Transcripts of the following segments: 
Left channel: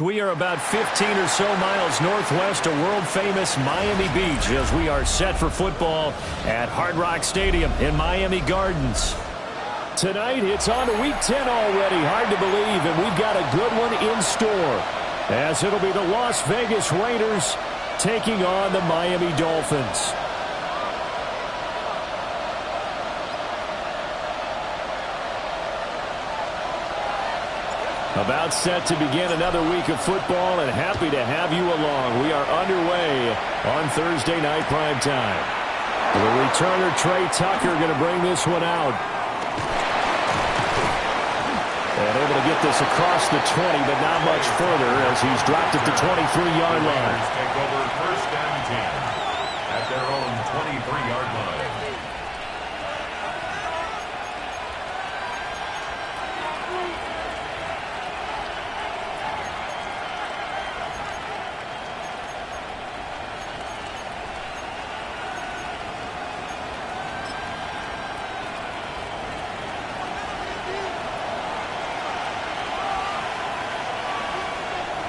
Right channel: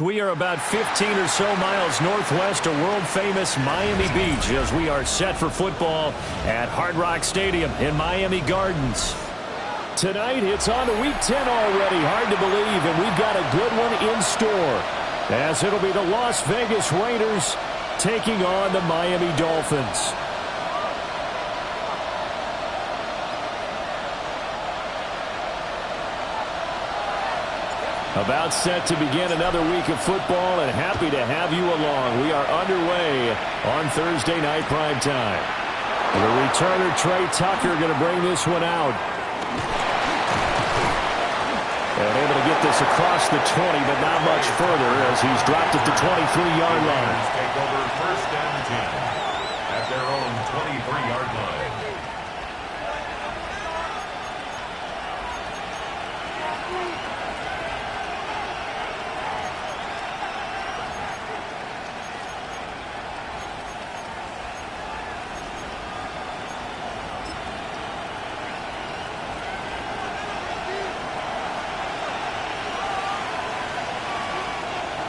We are about 15 or so miles northwest of world-famous Miami Beach as we are set for football at Hard Rock Stadium in Miami Gardens. Tonight, it's on to Week 10 already. Hard to believe, and we've got a good one in store, as it'll be the Las Vegas Raiders taking on the Miami Dolphins. About set to begin another week of football, and happy to have you along. We are underway on Thursday night primetime. The returner, Trey Tucker, going to bring this one out. And able to get this across the 20, but not much further as he's dropped at the 23-yard line. Take over first and 10 at their own 23-yard line.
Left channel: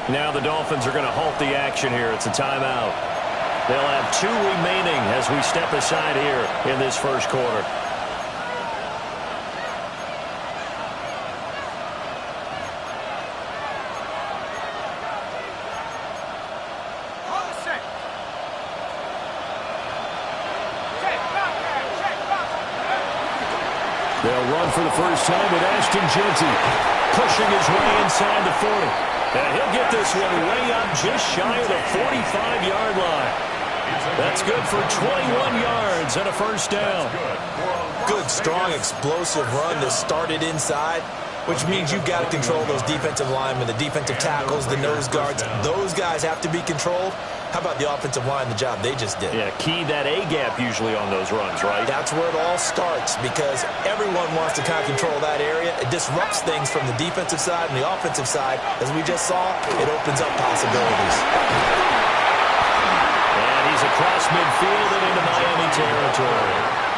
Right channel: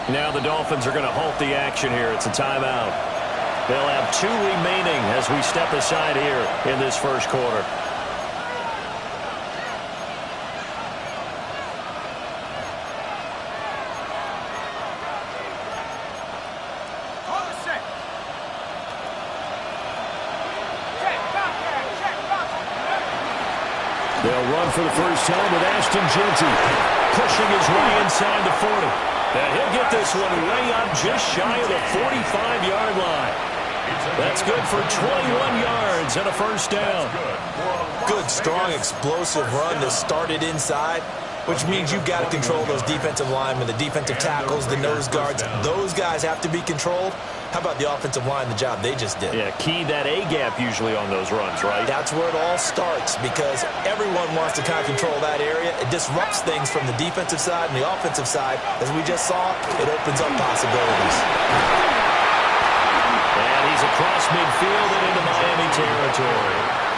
Now the Dolphins are going to halt the action here. It's a timeout. They'll have 2 remaining as we step aside here in this first quarter. They'll run for the first time with Ashton Jeanty pushing his way inside the 40. And he'll get this one way up just shy of the 45-yard line. That's good for 21 yards and a first down. Good, strong, explosive run that started inside, which means you've got to control those defensive linemen, the defensive tackles, the nose guards. Those guys have to be controlled. How about the offensive line, the job they just did? Yeah, key that A-gap usually on those runs, right? That's where it all starts because everyone wants to kind of control that area. It disrupts things from the defensive side and the offensive side. As we just saw, it opens up possibilities. And he's across midfield and into Miami territory.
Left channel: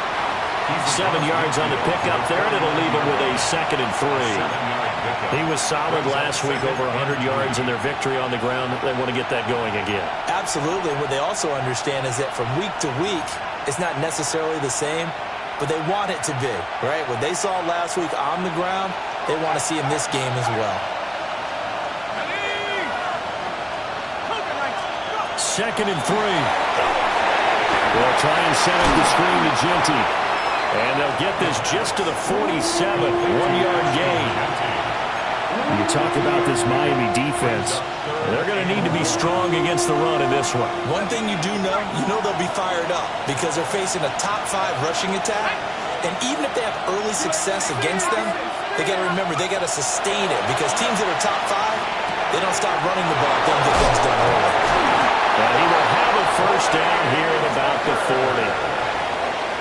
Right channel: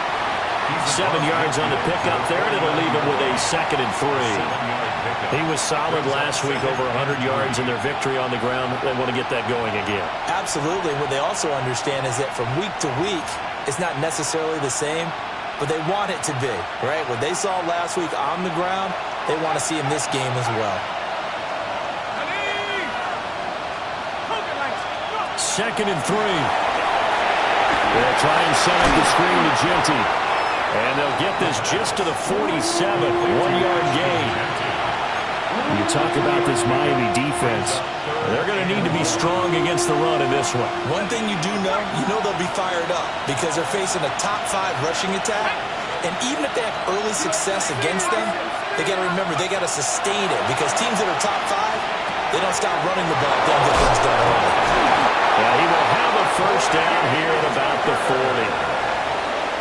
7 yards on the pickup there, and it'll leave him with a 2nd and 3. He was solid last week, over 100 yards in their victory on the ground. They want to get that going again. Absolutely. What they also understand is that from week to week, it's not necessarily the same, but they want it to be, right? What they saw last week on the ground, they want to see in this game as well. 2nd and 3. They'll try and set up the screen to Jeanty. And they'll get this just to the 47, 1-yard gain. You talk about this Miami defense. They're going to need to be strong against the run in this one. One thing you do know, they'll be fired up because they're facing a top 5 rushing attack. And even if they have early success against them, they got to remember they got to sustain it because teams that are top 5, they don't stop running the ball if they don't get things done early. And he will have a first down here at about the 40.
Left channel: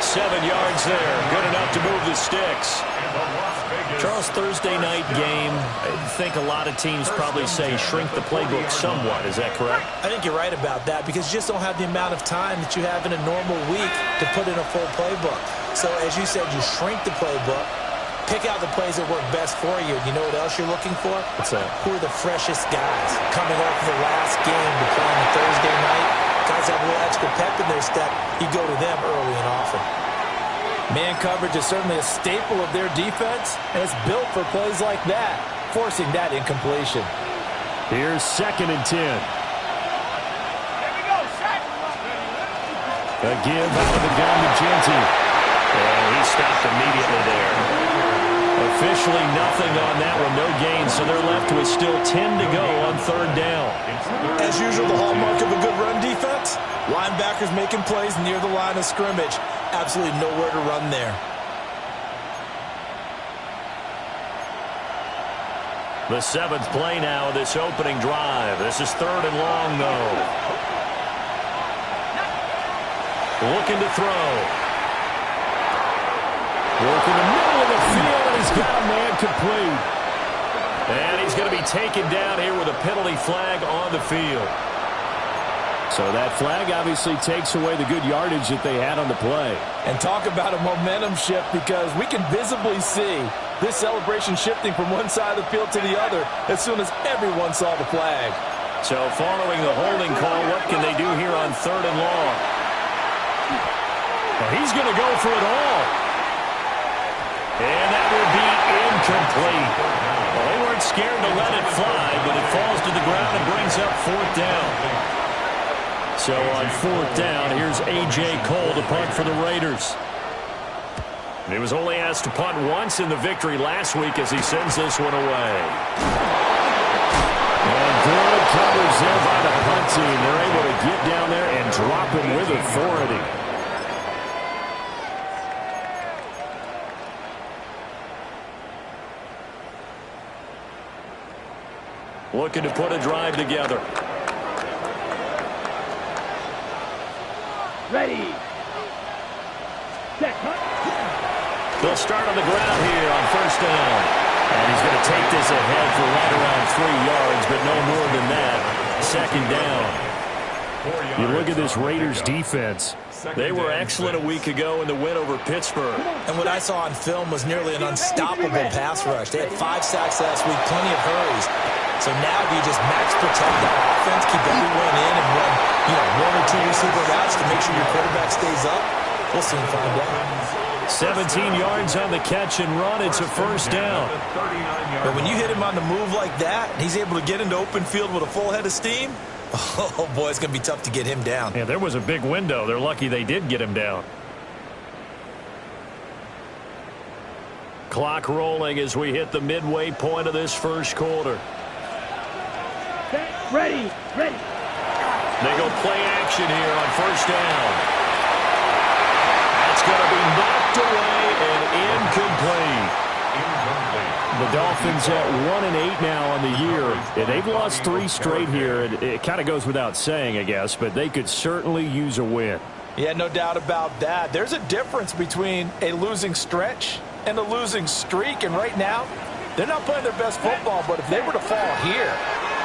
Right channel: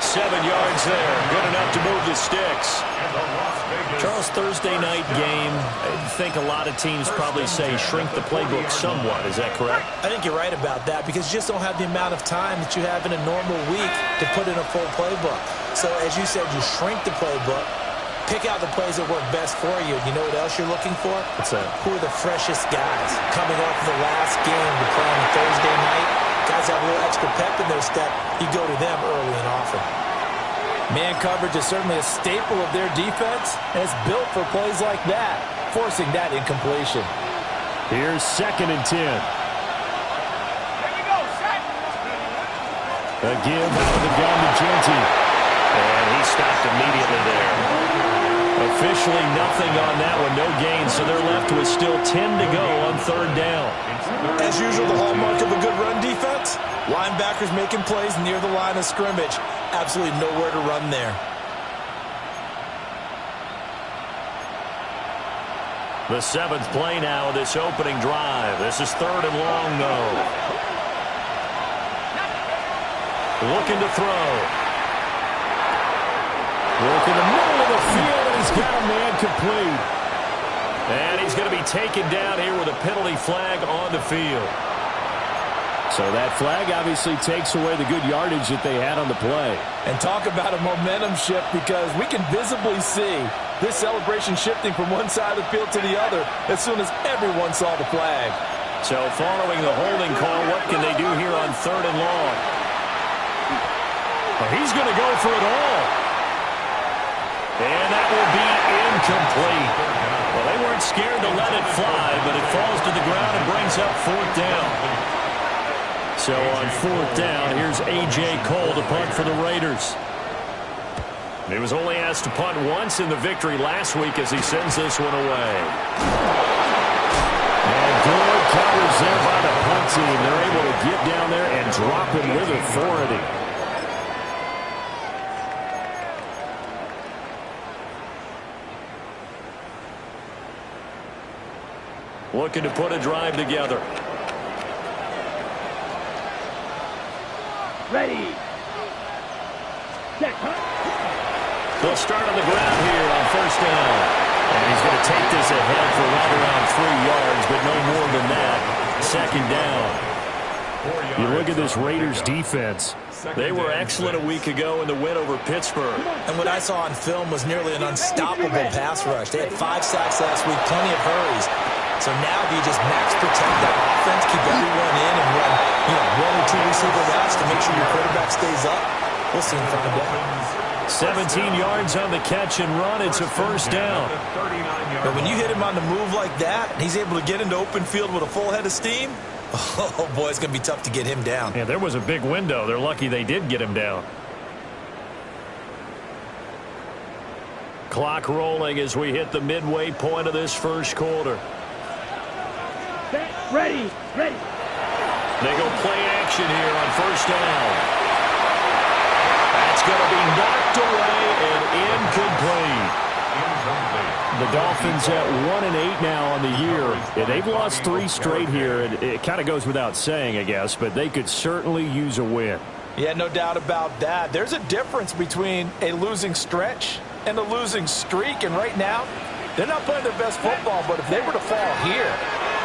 7 yards there. Good enough to move the sticks. Charles, Thursday night game, I think a lot of teams probably say shrink the playbook somewhat. Is that correct? I think you're right about that because you just don't have the amount of time that you have in a normal week to put in a full playbook. So as you said, you shrink the playbook, pick out the plays that work best for you. You know what else you're looking for? What's that? Who are the freshest guys coming off of the last game to play on the Thursday night? Guys have a little extra pep in their step. You go to them early and often. Man coverage is certainly a staple of their defense, and it's built for plays like that, forcing that incompletion. Here's 2nd and 10. A give out of the gun to Jeanty. And he stopped immediately there. Officially nothing on that one, no gain, so they're left with still 10 to go on 3rd down. As usual, the hallmark of a good run defense, linebackers making plays near the line of scrimmage. Absolutely nowhere to run there. The 7th play now of this opening drive. This is 3rd and long, though. Looking to throw. Look in the middle of the field, and he's got a man complete. And he's going to be taken down here with a penalty flag on the field. So that flag obviously takes away the good yardage that they had on the play. And talk about a momentum shift, because we can visibly see this celebration shifting from one side of the field to the other as soon as everyone saw the flag. So following the holding call, what can they do here on 3rd and long? Well, he's going to go for it all. And that will be incomplete. Well, they weren't scared to let it fly, but it falls to the ground and brings up 4th down. So on 4th down, here's A.J. Cole to punt for the Raiders. He was only asked to punt once in the victory last week as he sends this one away. And good coverage there by the punt team. They're able to get down there and drop him with authority. Looking to put a drive together. Ready. Set. They'll start on the ground here on 1st down. And he's going to take this ahead for right around 3 yards, but no more than that. 2nd down. You look at this Raiders defense. They were excellent a week ago in the win over Pittsburgh. And what I saw on film was nearly an unstoppable pass rush. They had 5 sacks last week, plenty of hurries. So now do you just max protect that offense, keep everyone in, and run, 1 or 2 receiver routes to make sure your quarterback stays up? We'll soon find out. 17 yards on the catch and run. It's a 1st down. But when you hit him on the move like that, and he's able to get into open field with a full head of steam, oh, boy, it's going to be tough to get him down. Yeah, there was a big window. They're lucky they did get him down. Clock rolling as we hit the midway point of this 1st quarter. Ready. Ready. They go play action here on 1st down. That's going to be knocked away and incomplete. The Dolphins at 1-8 now on the year. Yeah, they've lost 3 straight here. It kind of goes without saying, I guess, but they could certainly use a win. Yeah, no doubt about that. There's a difference between a losing stretch and a losing streak, and right now, they're not playing their best football, but if they were to fall here,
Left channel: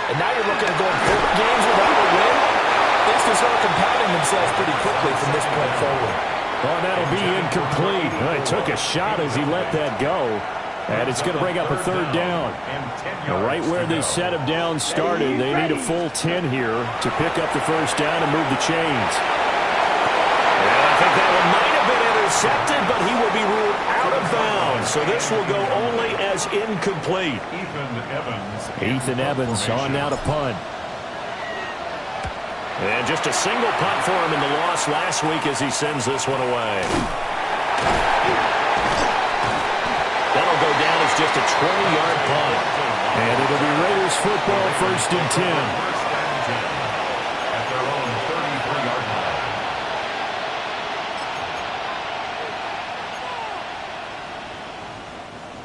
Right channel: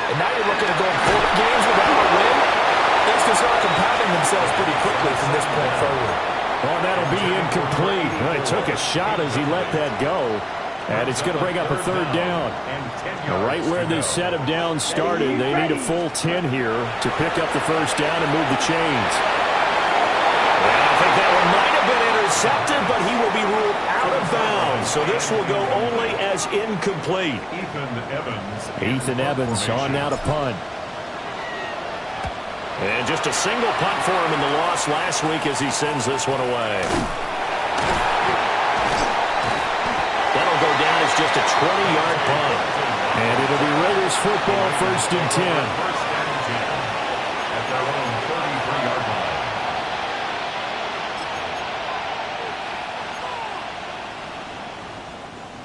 and now you're looking at going 4 games without a win, things can start compounding themselves pretty quickly from this point forward. Oh, that'll be incomplete. Well, he took a shot as he let that go. And it's going to bring up a 3rd down. Right where this set of downs started, they need a full 10 here to pick up the 1st down and move the chains. And I think that one might have been intercepted, but he will be ruled out of bounds. So this will go only as incomplete. Ethan Evans on now to punt. And just a single punt for him in the loss last week as he sends this one away. That'll go down as just a 20-yard punt. And it'll be Raiders football, 1st and 10. At their own 33-yard line.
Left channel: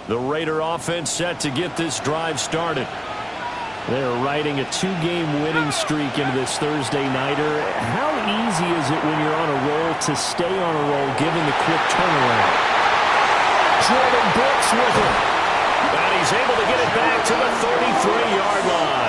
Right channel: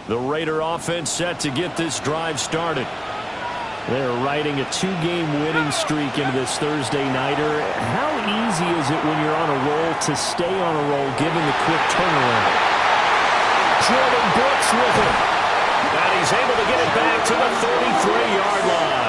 The Raider offense set to get this drive started. They're riding a 2-game winning streak into this Thursday nighter. How easy is it when you're on a roll to stay on a roll given the quick turnaround? Jordan Brooks with it. And he's able to get it back to the 33-yard line.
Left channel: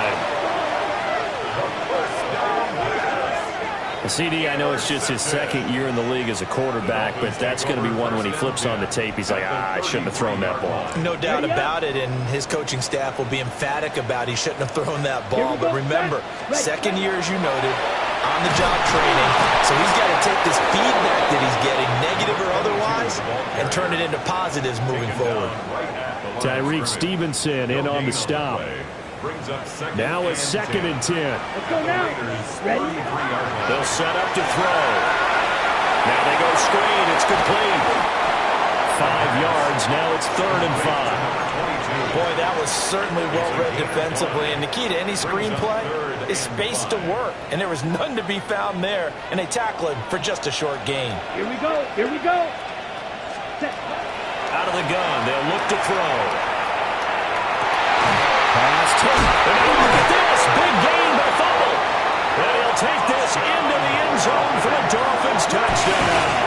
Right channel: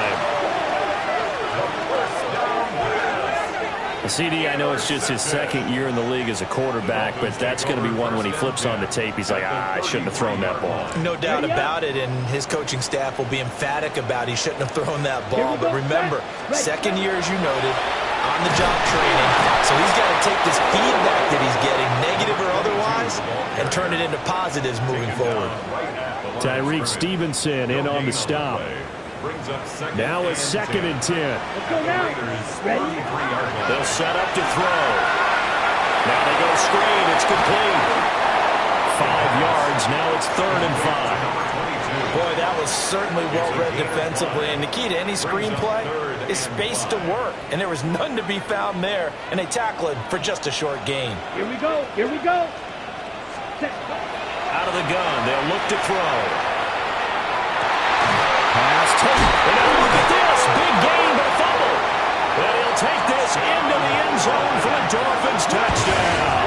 CD, I know it's just his 2nd year in the league as a quarterback, but that's going to be one when he flips on the tape, he's like, I shouldn't have thrown that ball. No doubt about it, and his coaching staff will be emphatic about he shouldn't have thrown that ball. But remember, 2nd year, as you noted, on-the-job training, so he's got to take this feedback that he's getting, negative or otherwise, and turn it into positives moving forward. Tyreek Stevenson in on the stop. Now a 2nd and 10. Let's go now. Ready? They'll set up to throw. Now they go screen. It's complete. 5 yards. Now it's 3rd and 5. Boy, that was certainly well-read defensively. And the key to any screenplay is space to work. And there was none to be found there. And they tackle it for just a short gain. Here we go. Here we go. Set. Out of the gun. They'll look to throw. Pass tape. And now look at this. Big gain, but a fumble. And he'll take this into the end zone for a Dolphins touchdown.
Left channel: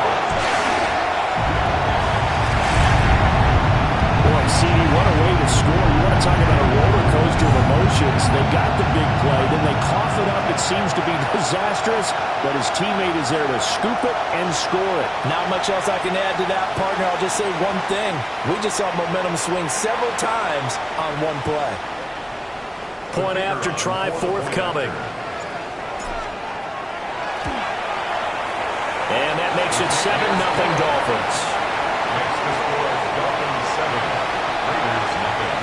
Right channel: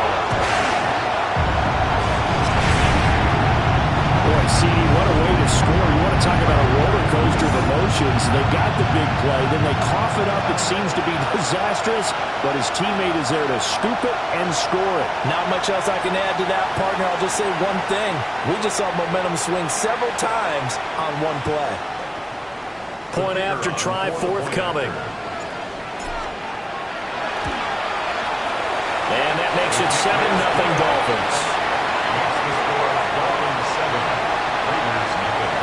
Boy, CD, what a way to score. You want to talk about a roller coaster of emotions. They got the big play, then they cough it up. It seems to be disastrous, but his teammate is there to scoop it and score it. Not much else I can add to that, partner. I'll just say one thing. We just saw momentum swing several times on one play. Point after try forthcoming. And that makes it 7-0 Dolphins. Makes the score Dolphins 7, Raiders nothing.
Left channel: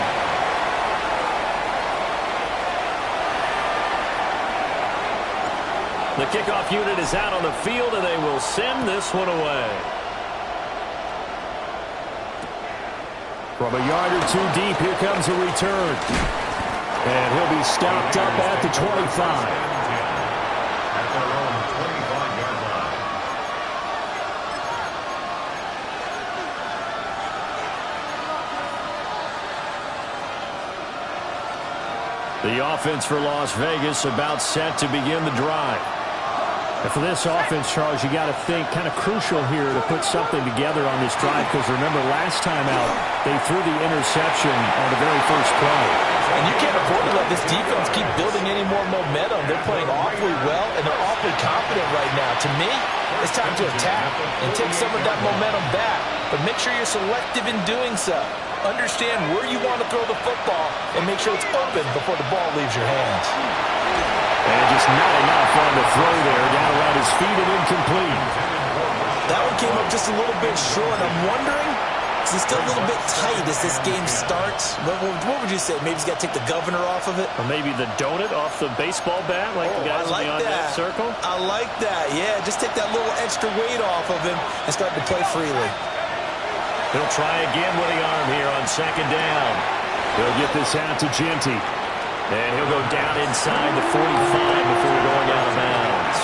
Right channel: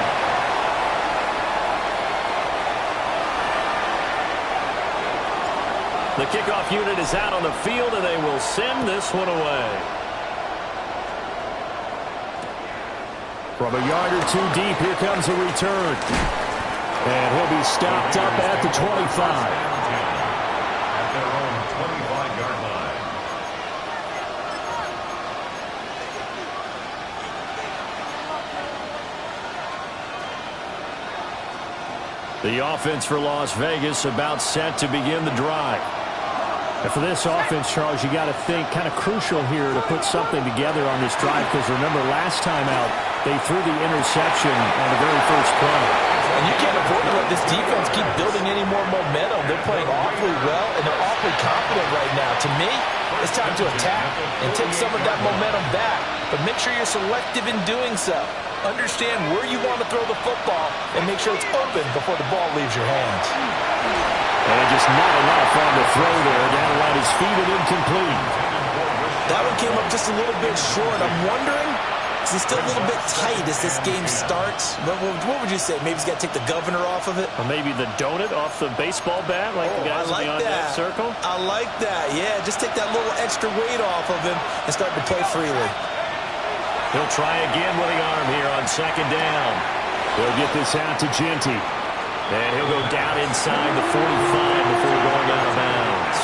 The kickoff unit is out on the field, and they will send this one away. From a yard or two deep, here comes a return. And he'll be stopped up at the 25. At their own 25-yard line. The offense for Las Vegas about set to begin the drive. And for this offense, Charles, you got to think kind of crucial here to put something together on this drive, because remember last time out they threw the interception on the very first play. And you can't afford to let this defense keep building any more momentum. They're playing awfully well, and they're awfully confident right now. To me, it's time to attack and take some of that momentum back, but make sure you're selective in doing so. Understand where you want to throw the football and make sure it's open before the ball leaves your hands. And just not enough on the throw there. Down around his feet and incomplete. That one came up just a little bit short. I'm wondering, is he still a little bit tight as this game starts? What would you say? Maybe he's got to take the governor off of it? Or maybe the donut off the baseball bat, like the guys beyond that circle? I like that. Yeah, just take that little extra weight off of him and start to play freely. He'll try again with the arm here on second down. He'll get this out to Genty. And he'll go down inside the 45 before going out of bounds.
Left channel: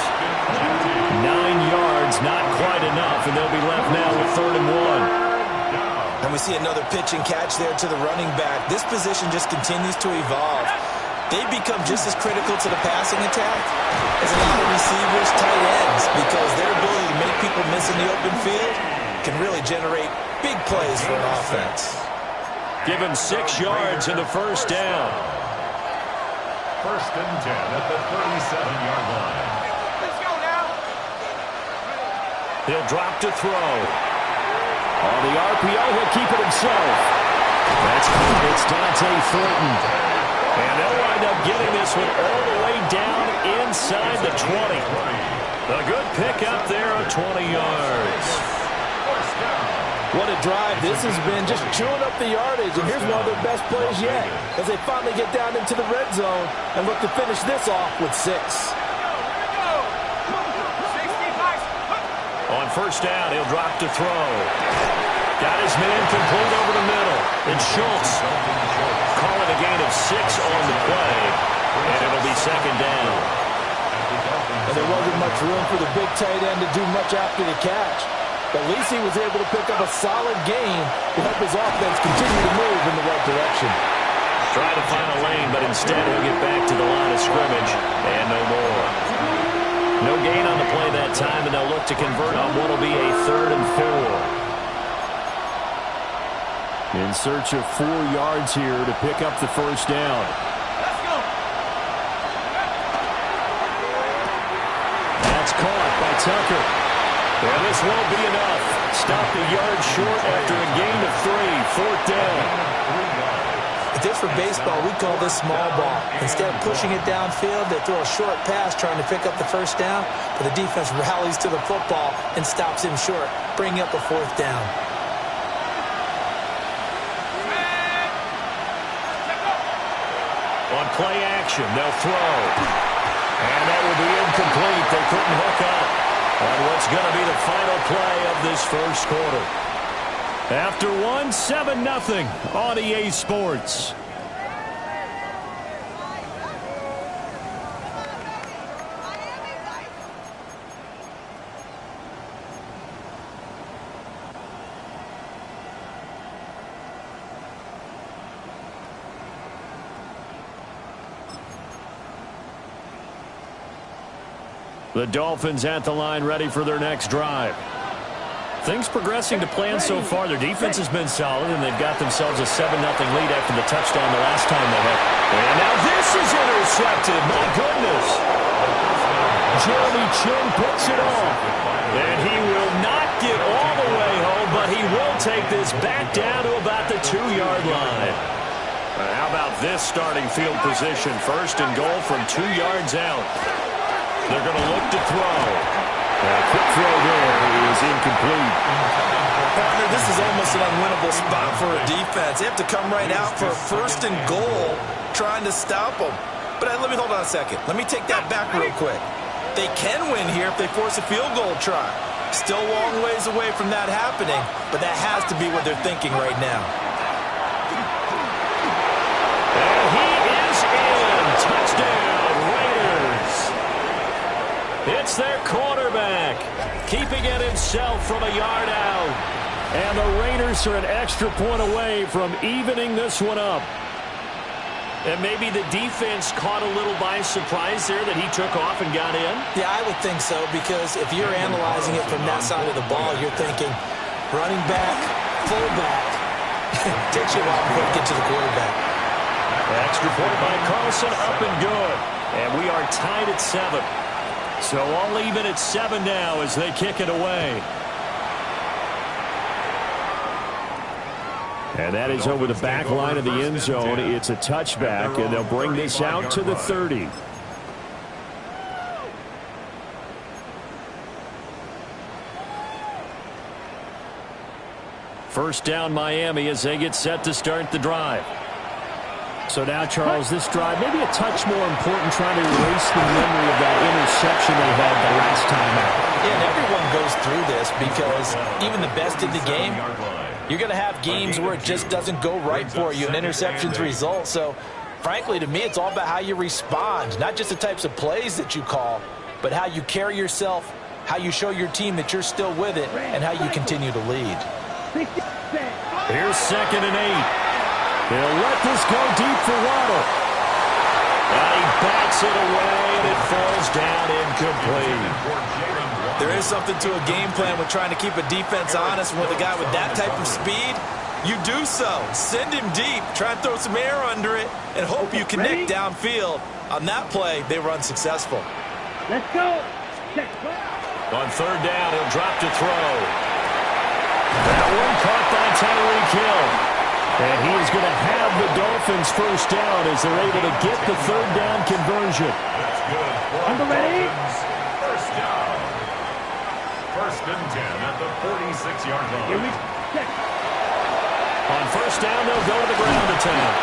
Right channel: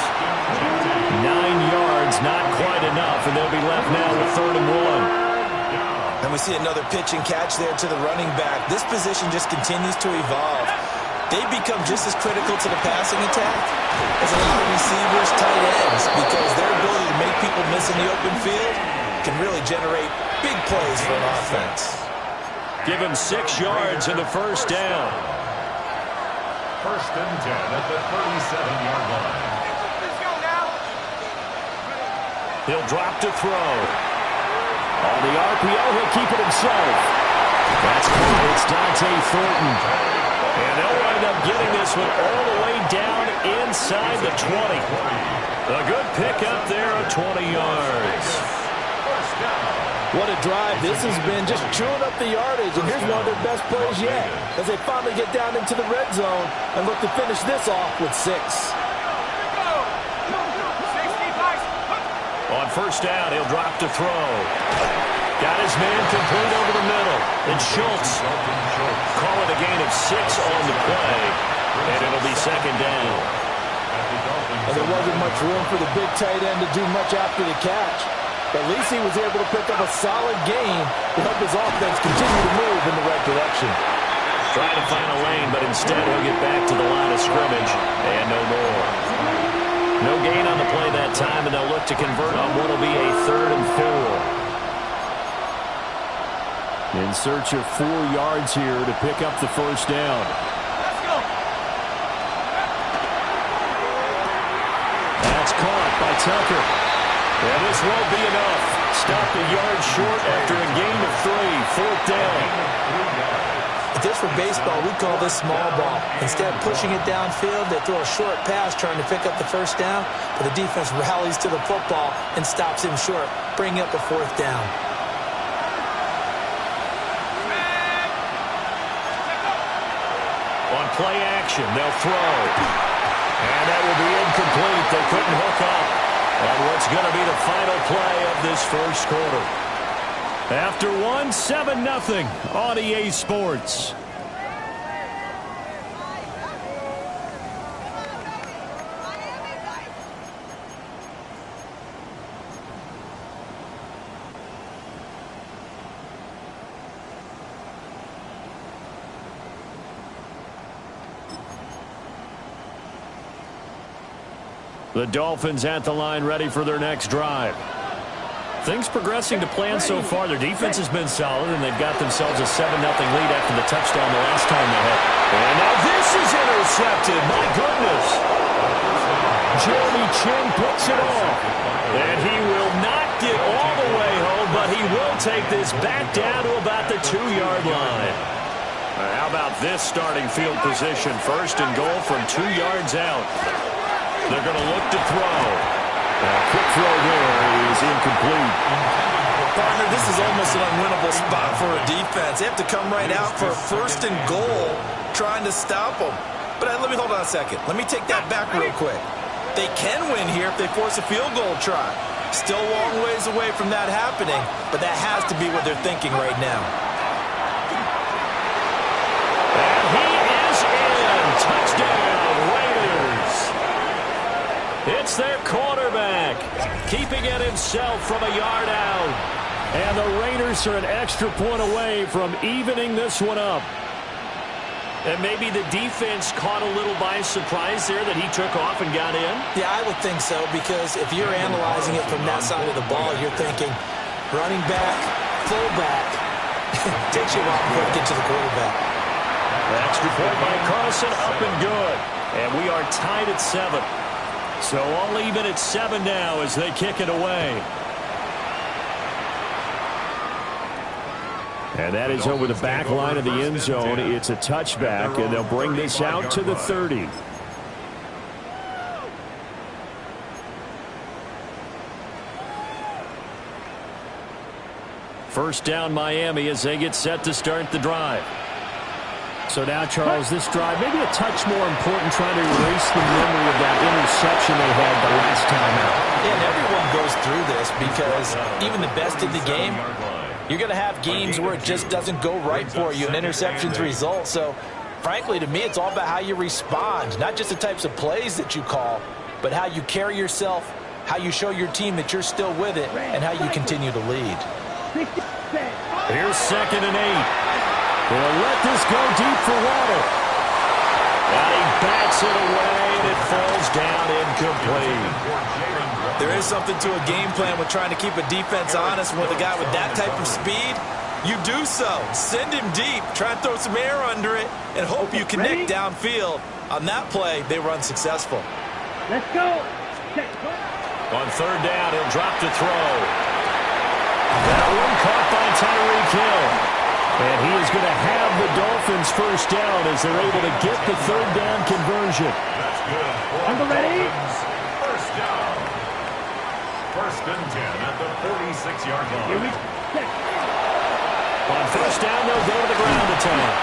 9 yards, not quite enough, and they'll be left now with 3rd and 1. And we see another pitch and catch there to the running back. This position just continues to evolve. They become just as critical to the passing attack as a lot of receivers, tight ends, because their ability to make people miss in the open field can really generate big plays for an offense. Give him 6 yards in the first down. 1st and 10 at the 37-yard line. Let's go now. He'll drop to throw. On the RPO, he'll keep it himself. That's caught. It's Dante Thornton. And they'll wind up getting this one all the way down inside the 20. A good pick up there of 20 yards. What a drive this has been, just chewing up the yardage, and here's one of their best plays yet as they finally get down into the red zone and look to finish this off with 6. On first down, he'll drop to throw. Got his man complete over the middle. And Schultz call it a gain of 6 on the play, and it'll be 2nd down. And there wasn't much room for the big tight end to do much after the catch. At least he was able to pick up a solid gain to help his offense continue to move in the right direction. Try to find a lane, but instead he'll get back to the line of scrimmage and no more. No gain on the play that time, and they'll look to convert on what will be a 3rd and 4. In search of 4 yards here to pick up the first down. Let's go. That's caught by Tucker. And this won't be enough. Stopped a yard short after a gain of 3. 4th down. If this were baseball, we'd call this small ball. Instead of pushing it downfield, they throw a short pass trying to pick up the first down, but the defense rallies to the football and stops him short, bringing up a 4th down. On play action, they'll throw. And that will be incomplete. They couldn't hook up on what's going to be the final play of this first quarter. After 1, 7-0 on EA Sports. The Dolphins at the line ready for their next drive. Things progressing to plan so far. Their defense has been solid, and they've got themselves a 7-0 lead after the touchdown the last time they had. And now this is intercepted. My goodness. Jeremy Chin picks it off. And he will not get all the way home, but he will take this back down to about the 2-yard line. How about this starting field position? First and goal from 2 yards out. They're going to look to throw. A quick throw there is incomplete. Partner, this is almost an unwinnable spot for a defense. They have to come right out for a first and goal trying to stop them. But let me hold on a second. Let me take that back real quick. They can win here if they force a field goal try. Still a long ways away from that happening, but that has to be what they're thinking right now. And he is in. Touchdown, Raiders. It's their quarterback, keeping it himself from a yard out. And the Raiders are an extra point away from evening this one up. And maybe the defense caught a little by surprise there that he took off and got in? Yeah, I would think so, because if you're analyzing it from that side of the ball, you're thinking running back, fullback. Takes you a while before you get to the quarterback. Extra point by Carlson, up and good. And we are tied at 7. So all even at 7 now as they kick it away. And that is over the back line of the end zone. It's a touchback, and they'll bring this out to the 30. First down, Miami, as they get set to start the drive. So now, Charles, this drive maybe a touch more important, trying to erase the memory of that interception they had the last time out. Yeah, and everyone goes through this because even the best in the game, you're going to have games where it just doesn't go right for you, and interceptions result. So, frankly, to me, it's all about how you respond, not just the types of plays that you call, but how you carry yourself, how you show your team that you're still with it, and how you continue to lead. Here's 2nd and 8. He'll let this go deep for Waddle. And he bats it away, and it falls down incomplete. There is something to a game plan with trying to keep a defense honest. With a guy with that type of speed, you do so. Send him deep, try and throw some air under it, and hope you connect downfield. On that play, they were unsuccessful. Let's go. On 3rd down, he'll drop to throw. That one caught by Tyreek Hill. And he is going to have the Dolphins first down as they're able to get the 3rd down conversion. That's good. I'm ready. First down. 1st and 10 at the 46-yard line. On 1st down, they'll go to the ground attack.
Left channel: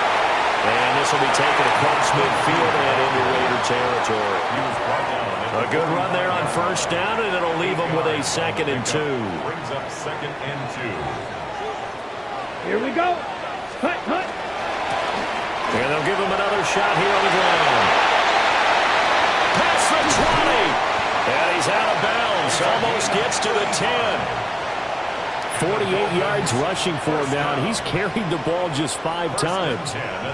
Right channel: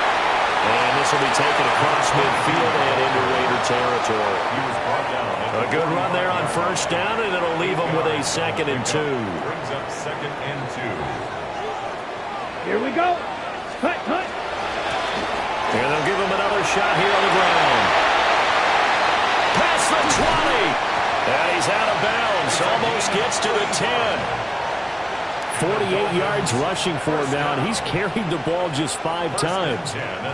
And this will be taken across midfield and into Raider territory. He was brought down. A good run there on 1st down, and it'll leave them with a 2nd and 2. Brings up 2nd and 2. Here we go. Cut. And they'll give him another shot here on the ground. Past the 20. And he's out of bounds. Almost gets to the 10. 48 yards rushing for him now, and he's carried the ball just 5 times.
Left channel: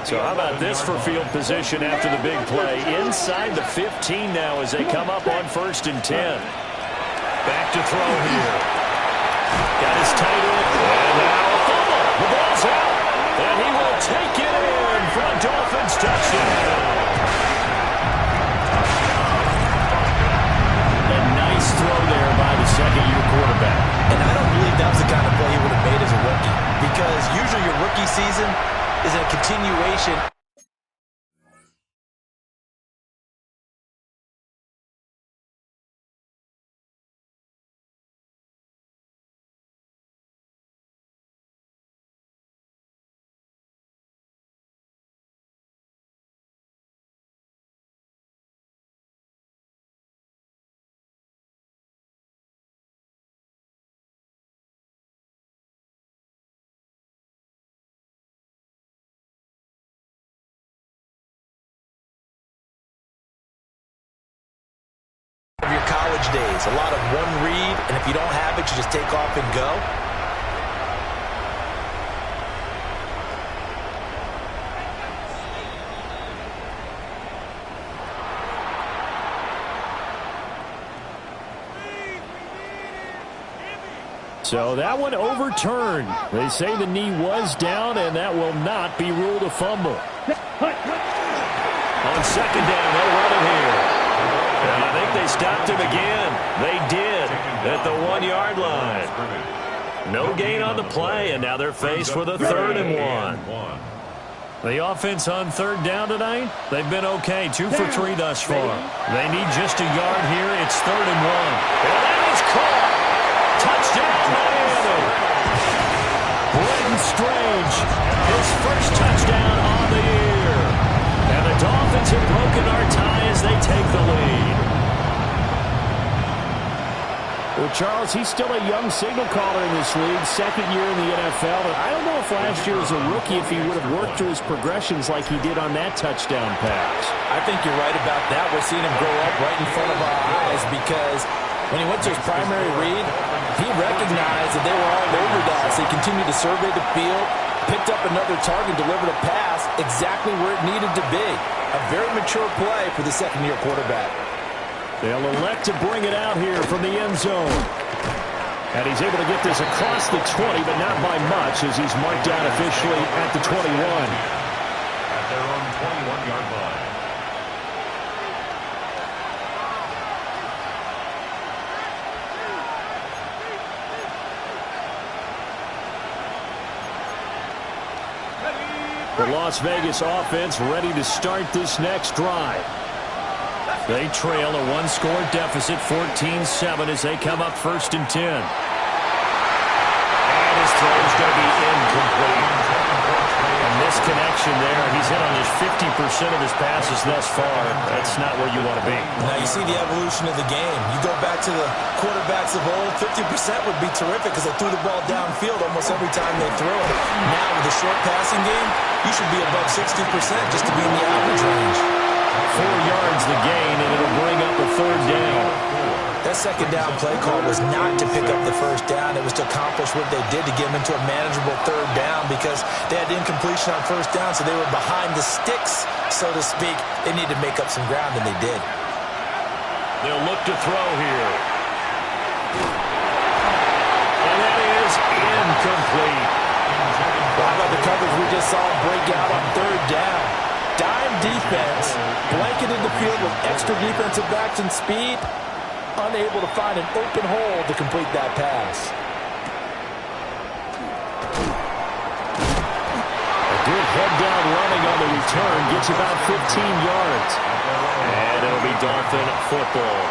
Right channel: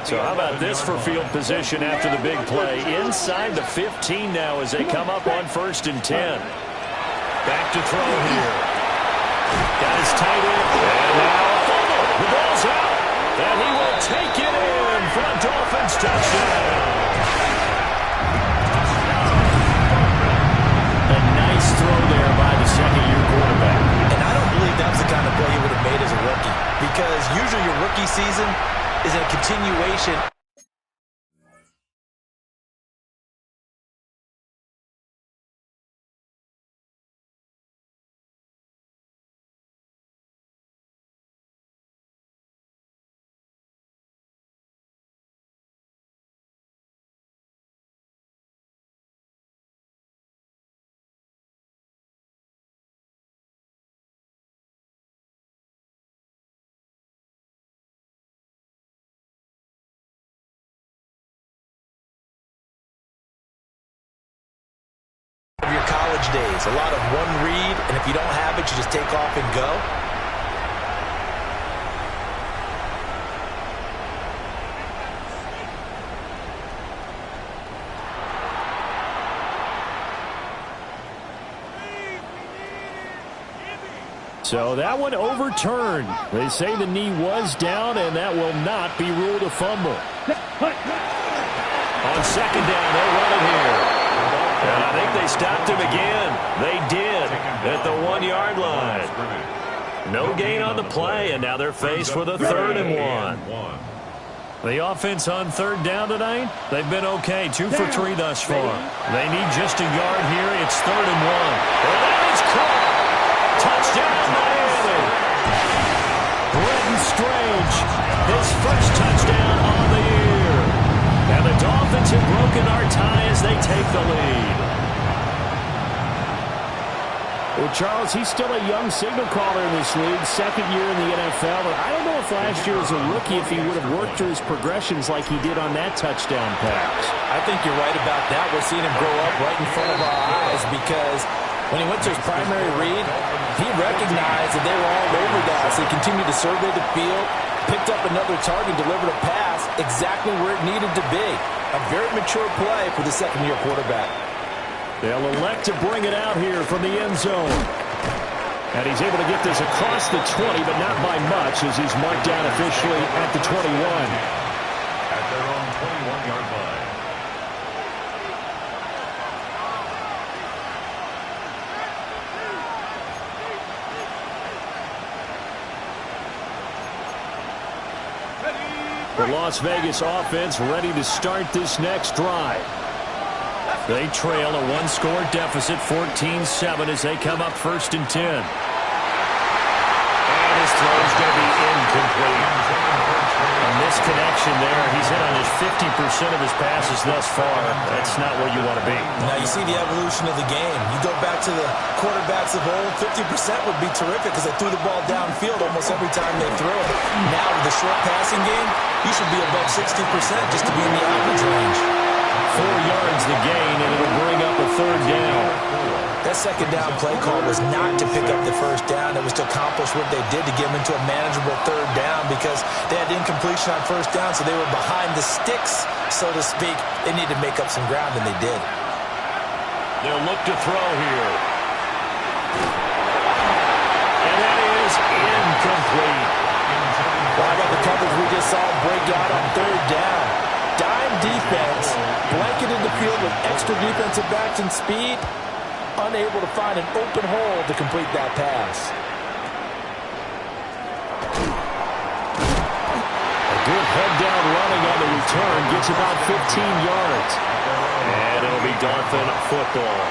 So how about this for field position after the big play? Inside the 15 now as they come up on 1st and 10. Back to throw here. Got his tight end. And now a fumble. The ball's out. And he will take it in for a Dolphins touchdown. A nice throw there by the 2nd-year quarterback. And I don't believe that was the kind of play he would have made as a rookie, because usually your rookie season is a continuation. Of your college days, a lot of one read, and if you don't have it, you just take off and go. So that one overturned. They say the knee was down, and that will not be ruled a fumble. On second down, they'll run it here. And I think they stopped him again. They did at the 1-yard line. No gain on the play, and now they're faced with a 3rd and 1. The offense on 3rd down tonight, they've been okay. 2 for 3 thus far. They need just a yard here. It's 3rd and 1. And that is caught. Touchdown, Miami. Brenton Strange, his first touchdown on the year. And the Dolphins have broken our tie as they take the lead. Well, Charles, he's still a young signal caller in this league, 2nd year in the NFL. But I don't know if last year as a rookie, if he would have worked through his progressions like he did on that touchdown pass. I think you're right about that. We're seeing him grow up right in front of our eyes because when he went to his primary read, he recognized that they were all over that. So he continued to survey the field, picked up another target, delivered a pass exactly where it needed to be. A very mature play for the 2nd-year quarterback. They'll elect to bring it out here from the end zone. And he's able to get this across the 20, but not by much as he's marked down officially at the 21. At their own 21-yard line. The Las Vegas offense ready to start this next drive. They trail a 1-score deficit, 14-7, as they come up 1st and 10. And his throw is going to be incomplete. A misconnection there. He's hit on his 50% of his passes thus far. That's not where you want to be. Now you see the evolution of the game. You go back to the quarterbacks of old, 50% would be terrific because they threw the ball downfield almost every time they threw it. Now with the short passing game, you should be above 60% just to be in the average range. 4 yards the gain, and it'll bring up a 3rd down. That 2nd down play call was not to pick up the 1st down. It was to accomplish what they did to get them into a manageable 3rd down because they had incompletion on 1st down, so they were behind the sticks, so to speak. They needed to make up some ground, and they did. They'll look to throw here. And that is incomplete. How about the coverage we just saw break out on 3rd down? Dime defense, blanketed the field with extra defensive backs and speed, unable to find an open hole to complete that pass. A good head-down running on the return gets about 15 yards. And it'll be Dolphin football.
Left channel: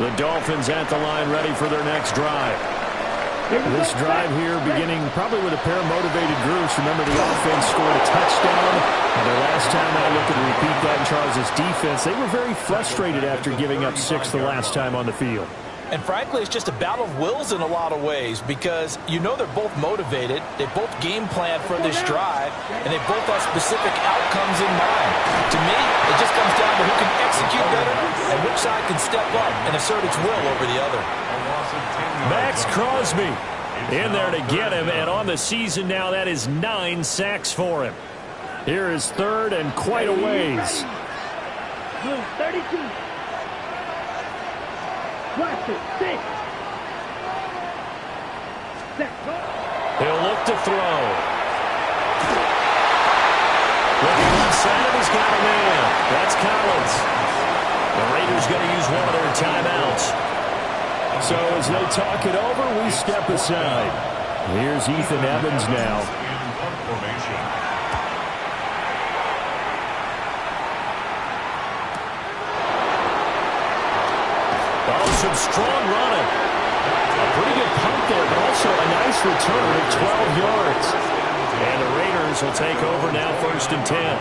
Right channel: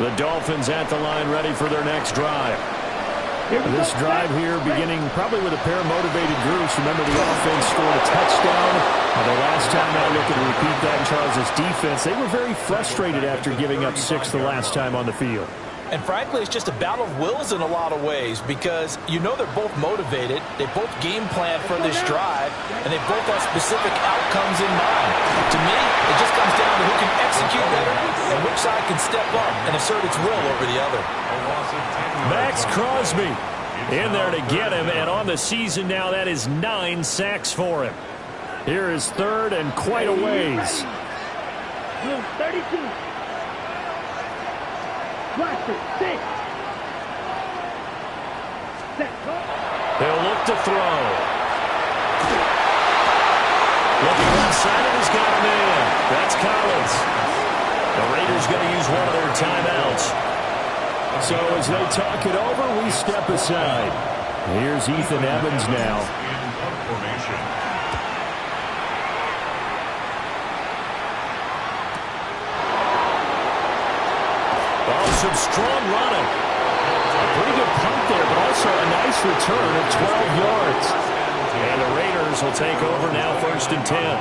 The Dolphins at the line ready for their next drive. This drive here beginning probably with a pair of motivated groups. Remember, the offense scored a touchdown. The last time I look and repeat that in Charles's defense, they were very frustrated after giving up 6 the last time on the field. And frankly, it's just a battle of wills in a lot of ways because you know they're both motivated, they both game plan for this drive, and they both have specific outcomes in mind. To me, it just comes down to who can execute better and which side can step up and assert its will over the other. Max Crosby in there to get him, and on the season now, that is 9 sacks for him. Here is 3rd and quite a ways. 32. Watch it. 6. He'll look to throw. Looking left side, and he's got a man. That's Collins. The Raiders going to use one of their timeouts. So as they talk it over, we step aside. Here's Ethan Evans now. Oh, some strong running. A pretty good punt there, but also a nice return of 12 yards. And the Raiders will take over now, 1st and 10.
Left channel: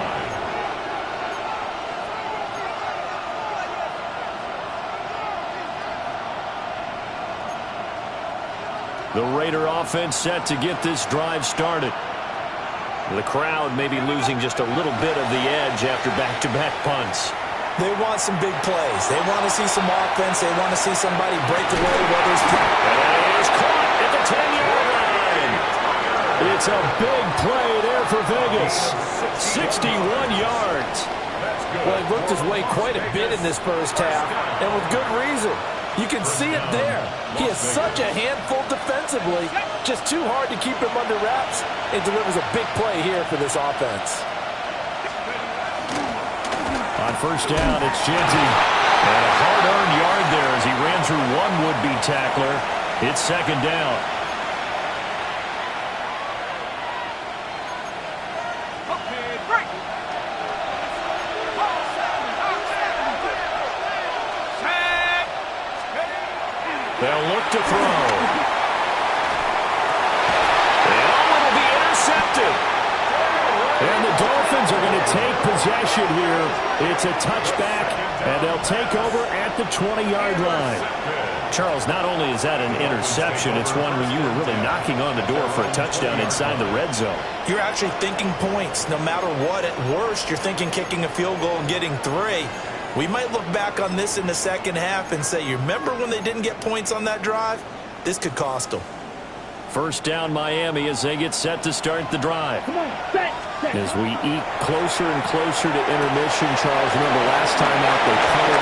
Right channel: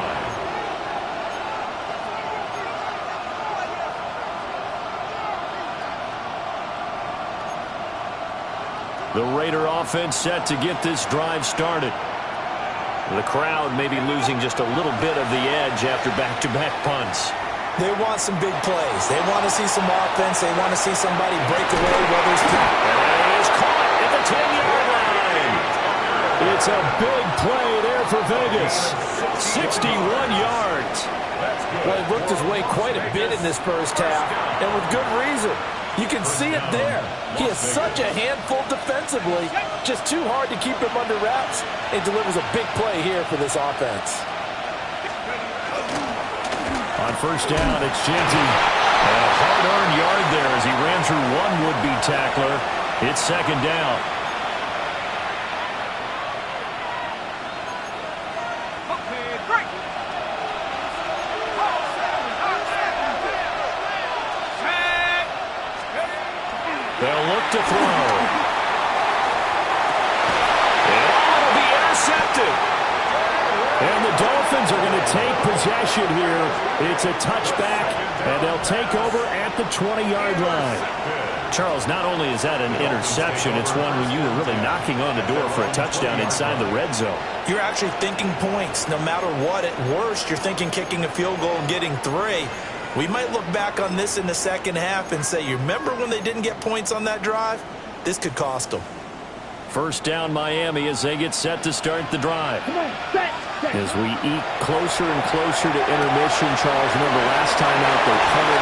The Raider offense set to get this drive started. The crowd may be losing just a little bit of the edge after back-to-back punts. They want some big plays. They want to see some offense. They want to see somebody break away, whether it's... And that is caught at the 10-yard line. It's a big play there for Vegas. 61 yards. Well, he worked his way quite a bit in this first half, and with good reason. You can see it there. He is such a handful defensively. Just too hard to keep him under wraps. It delivers a big play here for this offense. On first down, it's Genty. And a hard-earned yard there as he ran through one would-be tackler. It's second down. They'll look to throw. And it'll be intercepted. And the Dolphins are going to take possession here. It's a touchback, and they'll take over at the 20-yard line. Charles, not only is that an interception, it's one when you were really knocking on the door for a touchdown inside the red zone. You're actually thinking points. No matter what, at worst, you're thinking kicking a field goal and getting 3. We might look back on this in the second half and say, you remember when they didn't get points on that drive? This could cost them. First down Miami as they get set to start the drive. Come on, set. As we eke closer and closer to intermission, Charles, remember last time out they punted.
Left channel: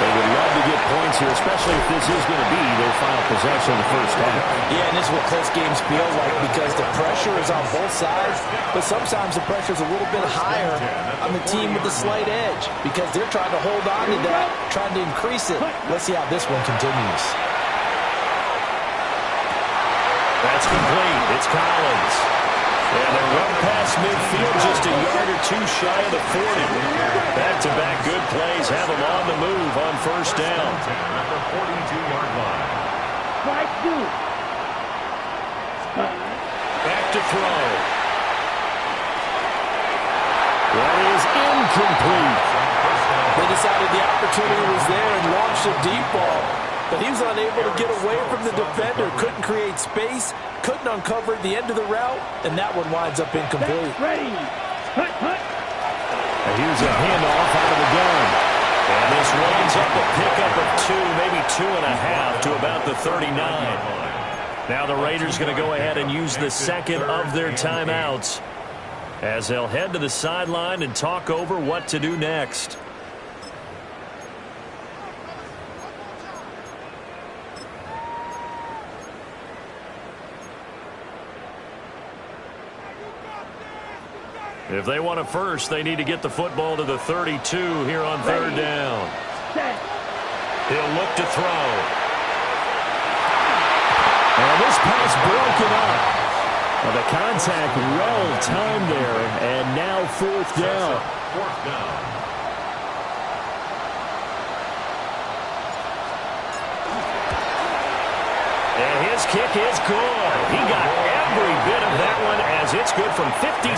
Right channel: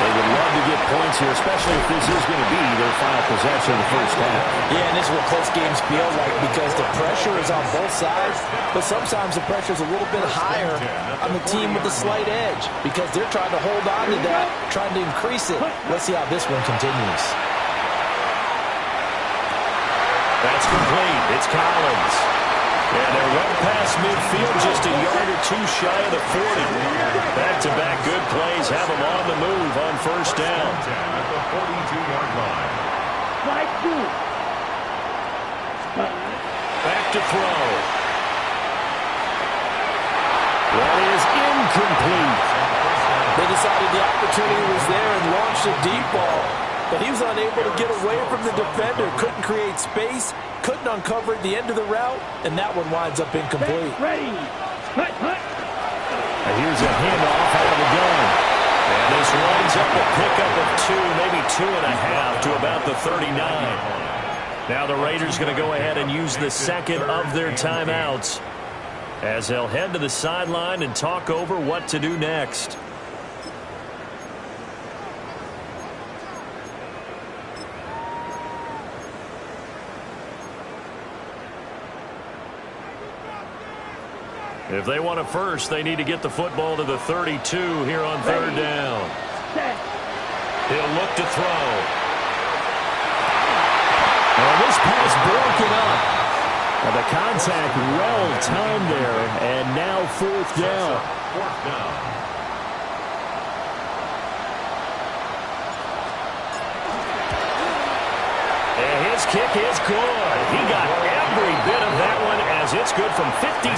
They would love to get points here, especially if this is going to be their final possession of the first half. Yeah, and this is what close games feel like because the pressure is on both sides, but sometimes the pressure is a little bit higher on the team with the slight edge because they're trying to hold on to that, trying to increase it. Let's see how this one continues. That's complete. It's Collins. And they're well past midfield, just a yard or two shy of the 40. Back-to-back good plays have them on the move on first down. At the 42-yard line. Slide 2. Back to throw. That is incomplete. They decided the opportunity was there and launched a deep ball, but he was unable to get away from the defender, couldn't create space, couldn't uncover the end of the route, and that one winds up incomplete. Ready. Hut, hut. And here's a handoff out of the gun. And this winds up a pickup of 2, maybe 2.5 to about the 39. Now the Raiders going to go ahead and use the second of their timeouts as they'll head to the sideline and talk over what to do next. If they want a first, they need to get the football to the 32 here on third down. He'll look to throw. And this pass broken up. Now the contact well timed there, and now fourth down. Fourth down. And his kick is good. He got every bit of that one as it's good from 56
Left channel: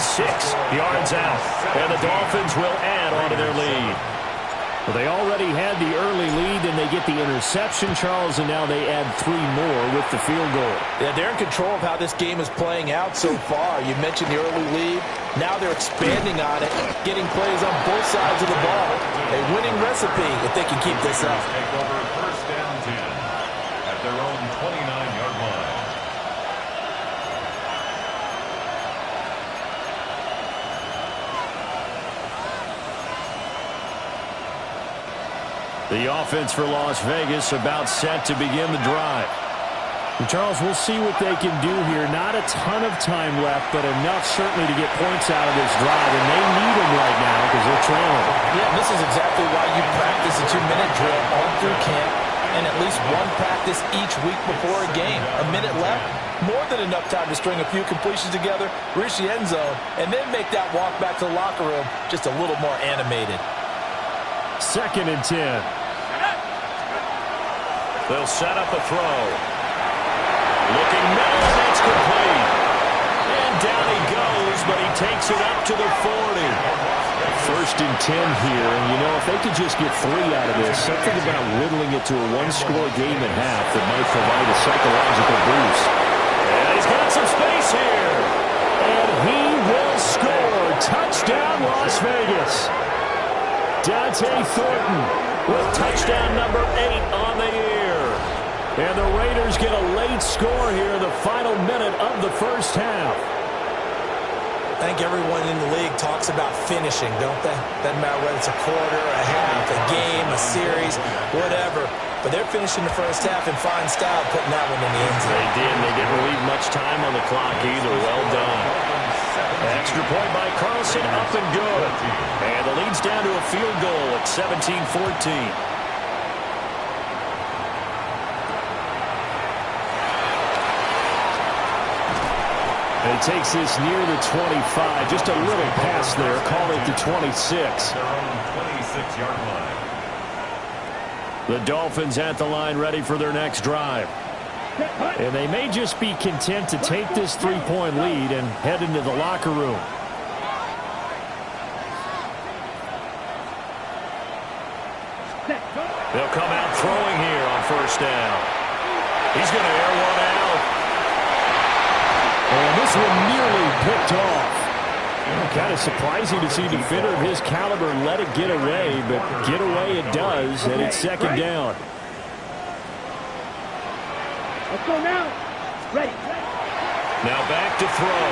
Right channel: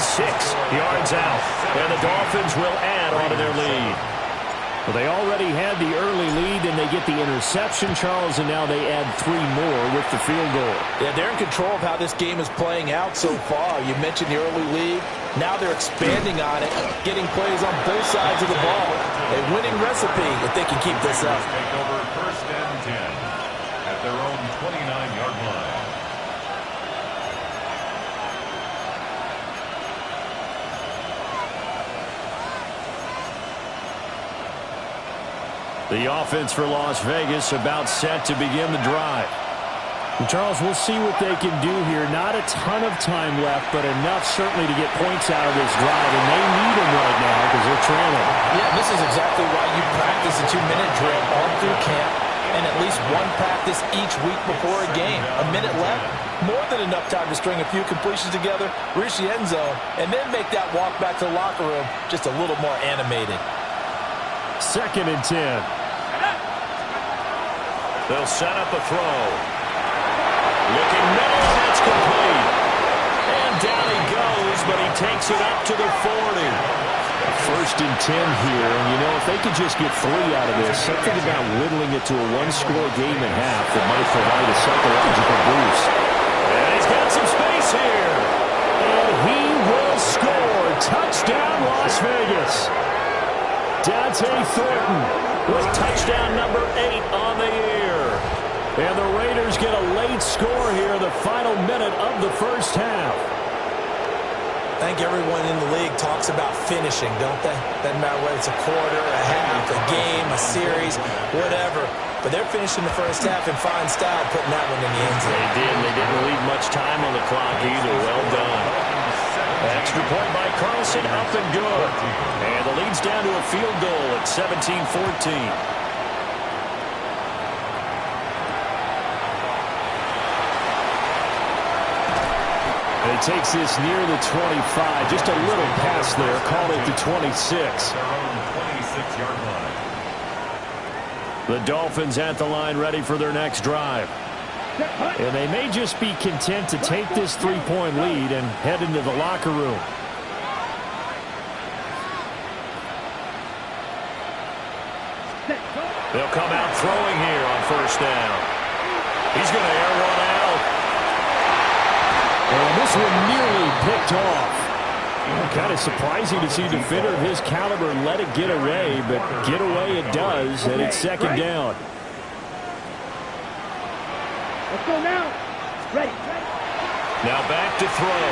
yards out. And the Dolphins will add on to their lead. Well, they already had the early lead, and they get the interception, Charles, and now they add 3 more with the field goal. Yeah, they're in control of how this game is playing out so far. You mentioned the early lead. Now they're expanding on it, getting plays on both sides of the ball. A winning recipe if they can keep this up. Take over first and 10 at their own 29-yard line. The offense for Las Vegas about set to begin the drive. And Charles, we'll see what they can do here. Not a ton of time left, but enough certainly to get points out of this drive, and they need them right now because they're trailing. Yeah, this is exactly why you practice a 2-minute drill all through camp and at least one practice each week before a game. A minute left, more than enough time to string a few completions together, reach the end zone, and then make that walk back to the locker room just a little more animated. Second and 10. They'll set up a throw. Looking middle, and that's complete. And down he goes, but he takes it up to the 40. First and 10 here, and you know, if they could just get 3 out of this, something about whittling it to a 1-score game at half that might provide a psychological boost. And he's got some space here. And he will score. Touchdown, Las Vegas. Dante Thornton with touchdown number 8 on the year. And the Raiders get a late score here in the final minute of the first half. I think everyone in the league talks about finishing, don't they? Doesn't matter whether it's a quarter, a half, a game, a series, whatever. But they're finishing the first half in fine style, putting that one in the end zone. They did, and they didn't leave much time on the clock either. Well done. Extra point by Carlson, up and good. And the lead's down to a field goal at 17-14. And he takes this near the 25. Just a little pass there. Called it the 26. Their own 26-yard line. The Dolphins at the line, ready for their next drive. And they may just be content to take this 3-point lead and head into the locker room. They'll come out throwing here on first down. He's going to air one out. And this one nearly picked off. Kind of surprising to see a defender of his caliber let it get away, but get away it does, and it's second down. Let's go now. Ready. Now back to throw.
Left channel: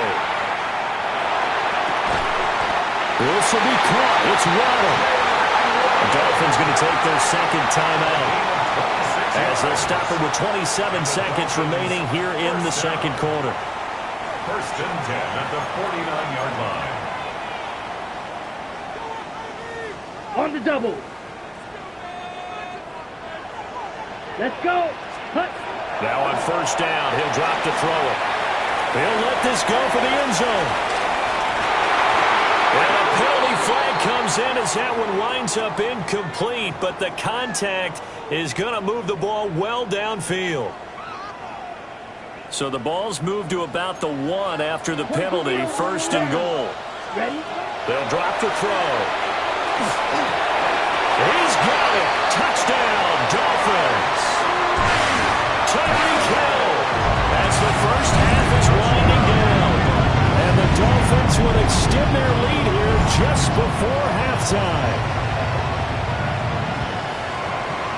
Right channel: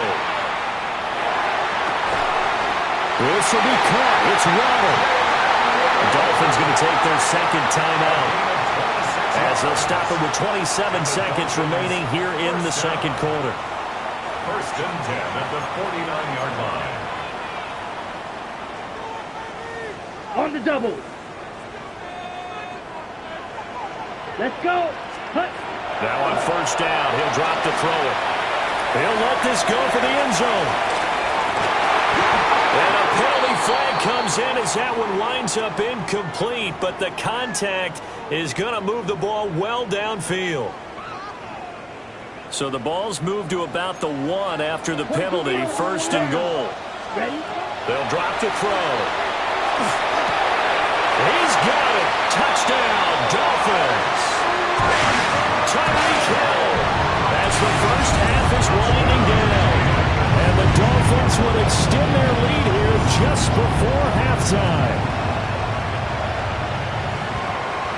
This will be caught. It's Waddle. The Dolphins going to take their second timeout as they'll stop it with 27 seconds remaining here in the second quarter. First and 10 at the 49-yard line. On the double. Let's go. Hut. Now on first down, he'll drop to throw it. He'll let this go for the end zone. And a penalty flag comes in as that one winds up incomplete, but the contact is going to move the ball well downfield. So the ball's moved to about the 1 after the penalty, first and goal. Ready? They'll drop the throw. He's got it. Touchdown, Dolphins. Tyreek Hill as the first half is winding down. And the Dolphins will extend their lead here just before halftime.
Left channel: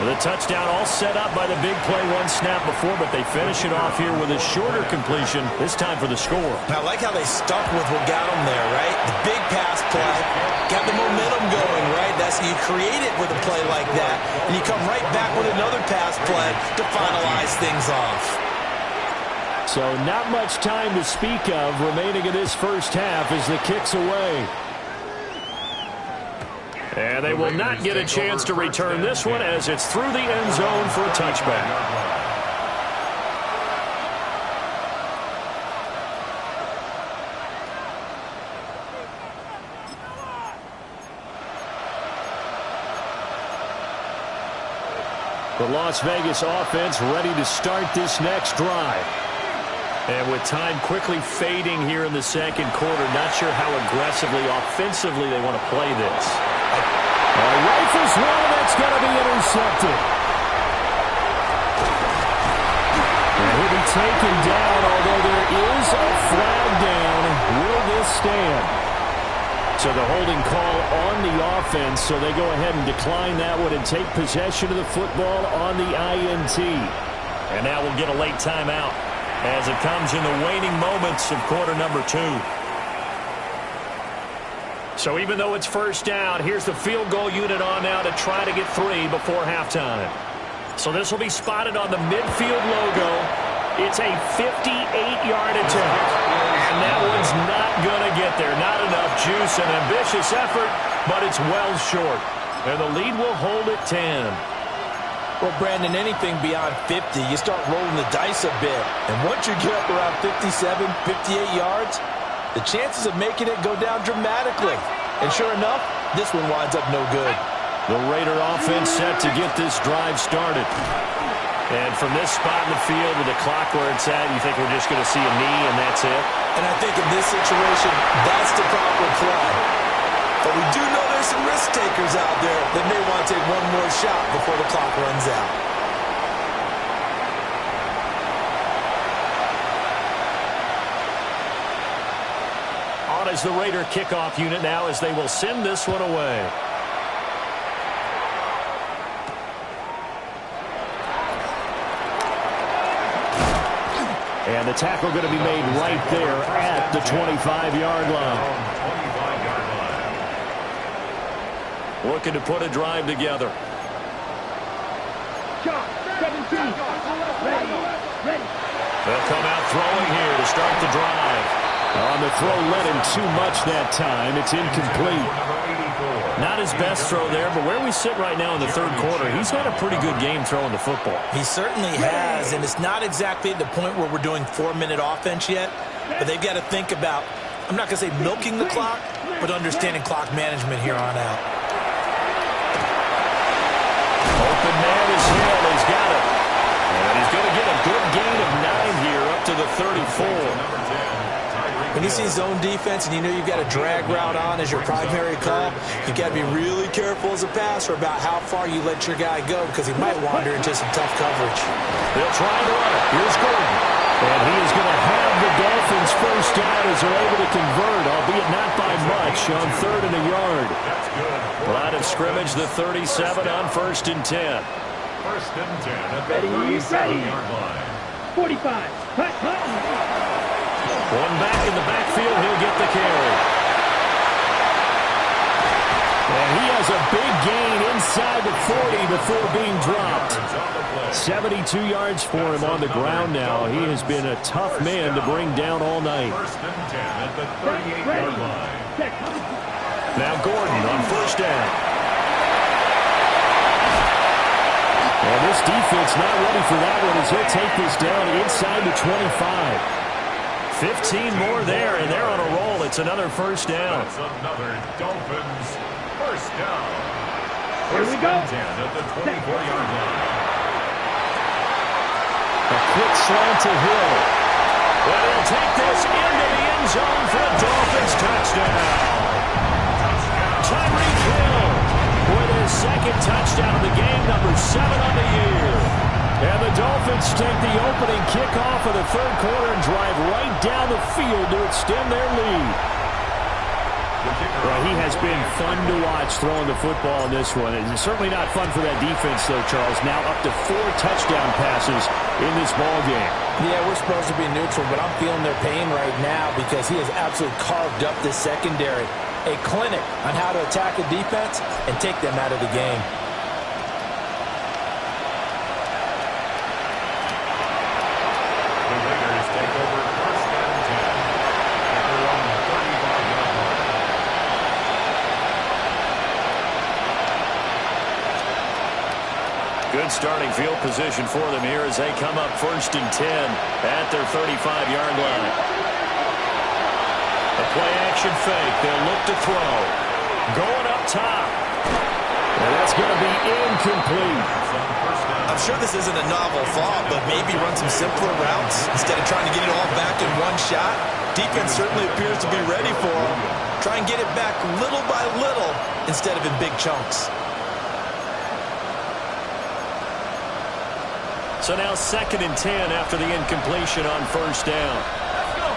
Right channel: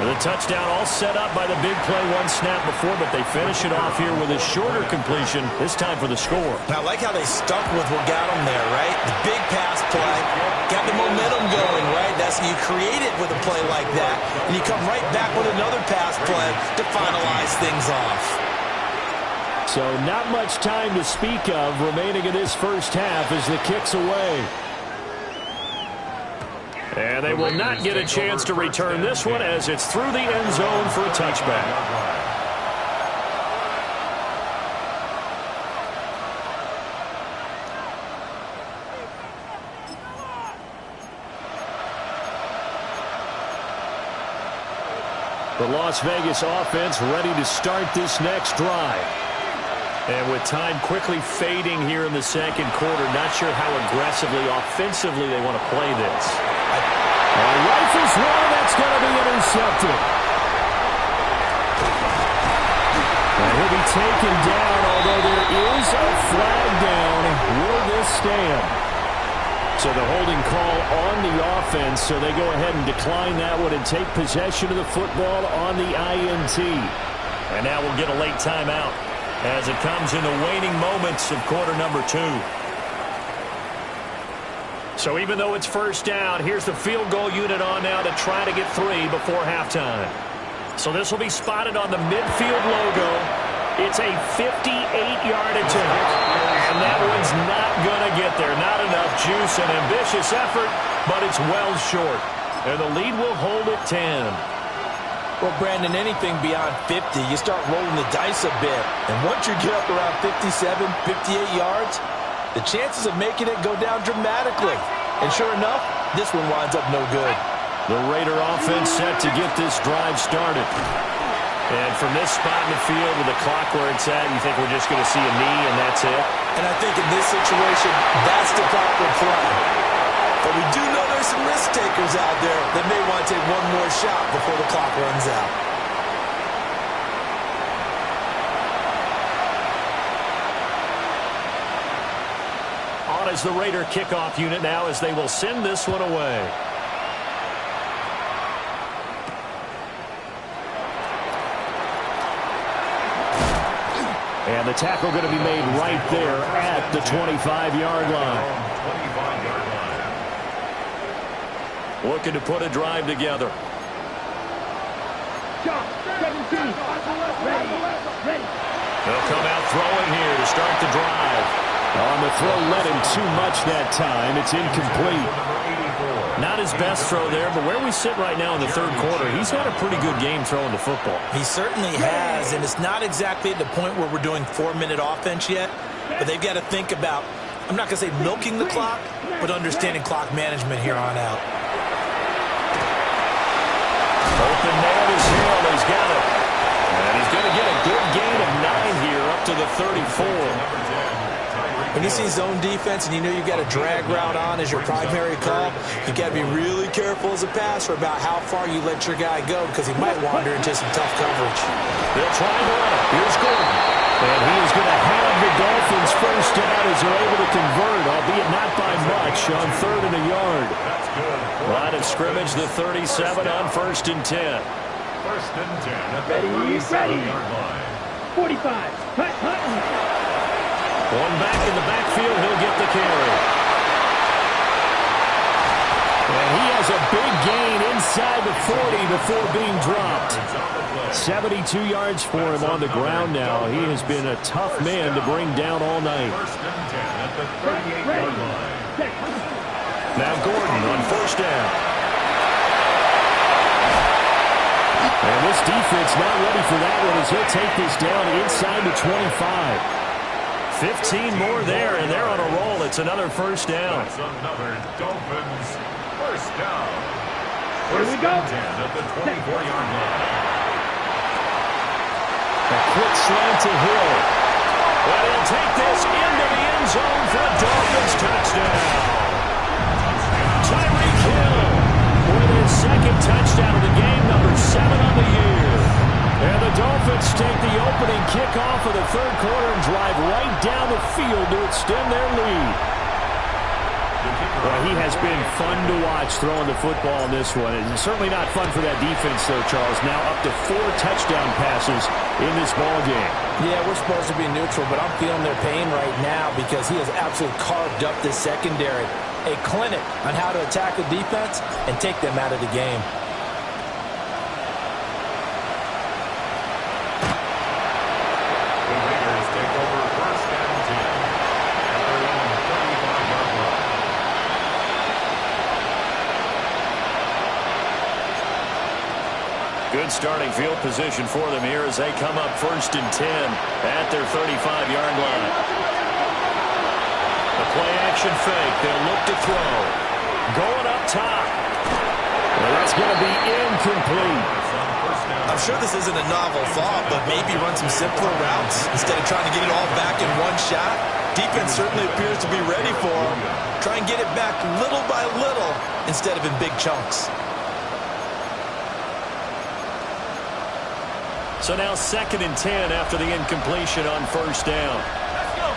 The touchdown all set up by the big play one snap before, but they finish it off here with a shorter completion, this time for the score. I like how they stuck with what got them there, right? The big pass play, got the momentum going, right? That's you create it with a play like that, and you come right back with another pass play to finalize things off. So not much time to speak of remaining in this first half as the kick's away. And they will not get a chance to return this one as it's through the end zone for a touchback. The Las Vegas offense ready to start this next drive. And with time quickly fading here in the second quarter, not sure how aggressively, offensively they want to play this. Rifles one, and that's going to be intercepted. And he'll be taken down, although there is a flag down. Will this stand? So the holding call on the offense, so they go ahead and decline that one and take possession of the football on the INT. And now we'll get a late timeout as it comes in the waning moments of quarter number 2. So even though it's first down, here's the field goal unit on now to try to get 3 before halftime. So this will be spotted on the midfield logo. It's a 58-yard attempt. And that one's not going to get there. Not enough juice, an ambitious effort, but it's well short. And the lead will hold at 10. Well, Brandon, anything beyond 50, you start rolling the dice a bit. And once you get up around 57, 58 yards, the chances of making it go down dramatically. And sure enough, this one winds up no good. The Raider offense set to get this drive started. And from this spot in the field with the clock where it's at, you think we're just going to see a knee and that's it? And I think in this situation, that's the proper play. But we do know there's some risk takers out there that may want to take one more shot before the clock runs out. On is the Raider kickoff unit now as they will send this one away. And the tackle going to be made right there at the 25-yard line. 25-yard line. Looking to put a drive together. Chop, 17. Ready. They'll come out throwing here to start the drive. On the throw led him too much that time. It's incomplete. Not his best throw there, but where we sit right now in the third quarter, he's had a pretty good game throwing the football. He certainly has, and it's not exactly at the point where we're doing 4-minute offense yet, but they've got to think about, I'm not going to say milking the clock, but understanding clock management here on out. Open man is Hill. He's got it. And he's going to get a good gain of 9 here up to the 34. When you see zone defense and you know you've got a drag route on as your primary call, you've got to be really careful as a passer about how far you let your guy go because he might wander into some tough coverage. They'll try to run it. Here's Gordon. And he is going to have the Dolphins first down as they're able to convert, albeit not by much, on 3rd and a yard. Line of scrimmage, the 37 on 1st and 10. 1st and 10 at the 37-yard line. 45. Hut. One back in the backfield, he'll get the carry. And he has a big gain inside the 40 before being dropped. 72 yards for him on the ground now. He has been a tough man to bring down all night. 1st and 10 at the 38-yard line. Now Gordon on 1st down. And this defense not ready for that one as he'll take this down inside the 25. 15 more there, and they're on a roll. It's another 1st down. That's another Dolphins 1st down. Here we go. 10 at the 24-yard line. A quick slant to Hill. But he'll take this into the end zone for a Dolphins touchdown. Tyreek Hill with his 2nd touchdown of the game, number 7 on the year. And the Dolphins take the opening kickoff of the 3rd quarter and drive right down the field to extend their lead. Well, he has been fun to watch throwing the football in this one. It's certainly not fun for that defense, though, Charles. Now up to 4 touchdown passes in this ball game. Yeah, we're supposed to be neutral, but I'm feeling their pain right now because he has absolutely carved up this secondary. A clinic on how to attack a defense and take them out of the game. The Raiders take over 1st and 10 at their own 35-yard line. Good starting field position for them here as they come up 1st and 10 at their 35-yard line. The play-action fake. They'll look to throw. Going up top. And that's going to be incomplete. I'm sure this isn't a novel thought, but maybe run some simpler routes instead of trying to get it all back in one shot. Defense certainly appears to be ready for him. Try and get it back little by little instead of in big chunks. So now 2nd and 10 after the incompletion on 1st down. Let's go.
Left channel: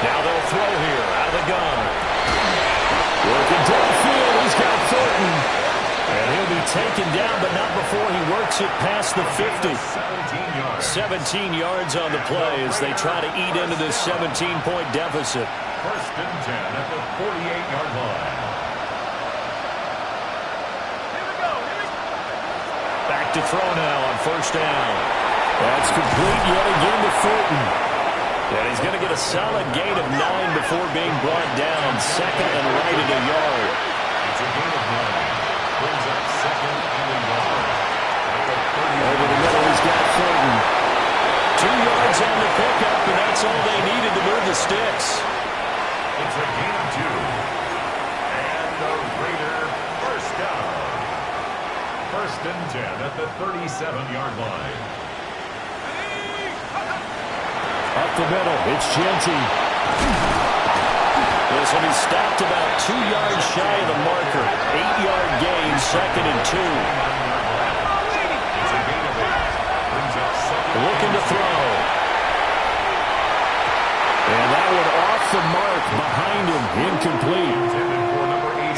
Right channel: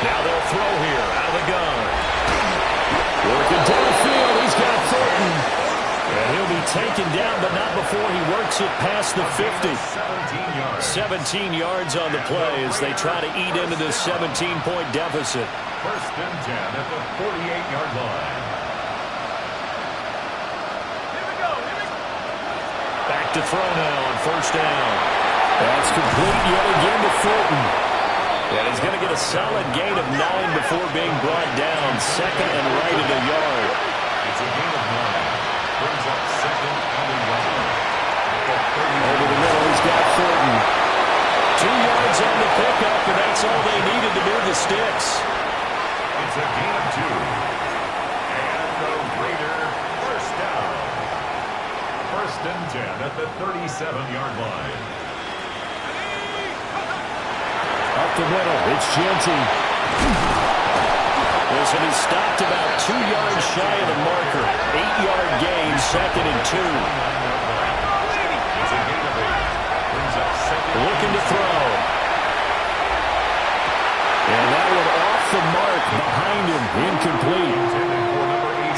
Now they'll throw here out of the gun. Working downfield, he's got Thornton. And he'll be taken down, but not before he works it past the 50. 17 yards on the play as they try to eat into this 17-point deficit. 1st and 10 at the 48-yard line. Here we go. Back to throw now on 1st down. That's complete yet again to Thornton. And he's going to get a solid gain of 9 before being brought down. 2nd and right at a yard. It's a gain of 9. Brings up 2nd and a yard. Over the middle, he's got Thornton. 2 yards on the pickup, and that's all they needed to move the sticks. It's a gain of 2. And the Raider 1st down. 1st and 10 at the 37-yard line. Up the middle, it's Genty. Listen, he stopped about 2 yards shy of the marker. 8-yard gain, 2nd and 2. It's a gain of 8. Brings up 2nd. Looking to throw. And that one off the mark behind him, incomplete.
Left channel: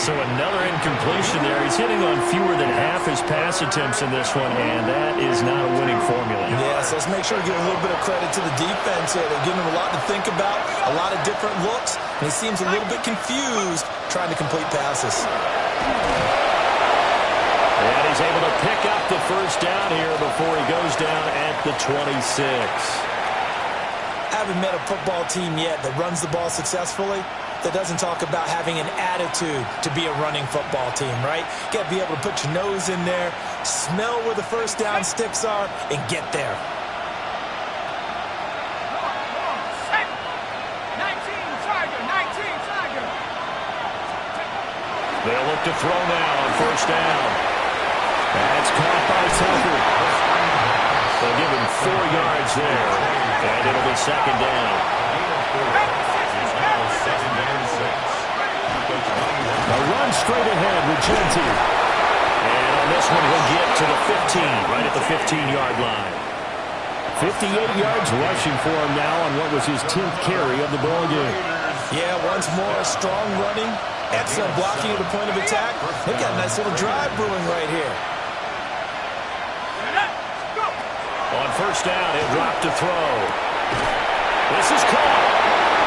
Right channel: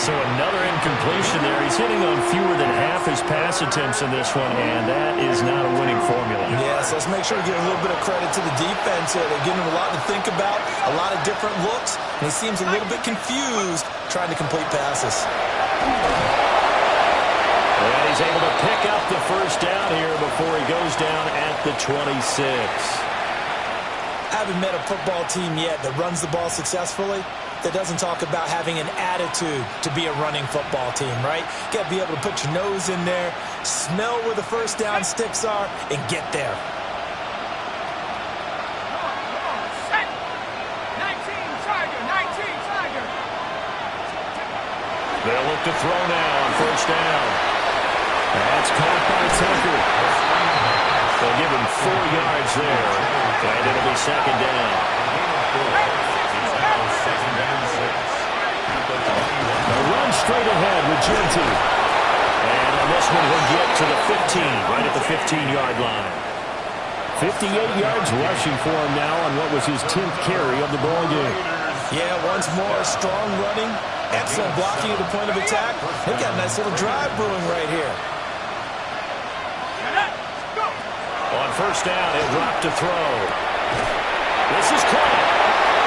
So another incompletion there. He's hitting on fewer than half his pass attempts in this one, and that is not a winning formula. Yes, So let's make sure we give a little bit of credit to the defense here. They're giving him a lot to think about, a lot of different looks, and he seems a little bit confused trying to complete passes. And he's able to pick up the first down here before he goes down at the 26. I haven't met a football team yet that runs the ball successfully that doesn't talk about having an attitude to be a running football team, right? You got to be able to put your nose in there, smell where the first down sticks are, and get there. 19 Tiger. They'll look to throw now on first down. That's caught by Tucker. They'll give him 4 yards there, and it'll be second down. A run straight ahead with Genty. And on this one, he'll get to the 15, right at the 15-yard line. 58 yards rushing for him now on what was his 10th carry of the ball game. Yeah, once more, strong running, excellent blocking at the point of attack. They've got a nice little drive brewing right here. On first down, he'll drop to throw. This is caught.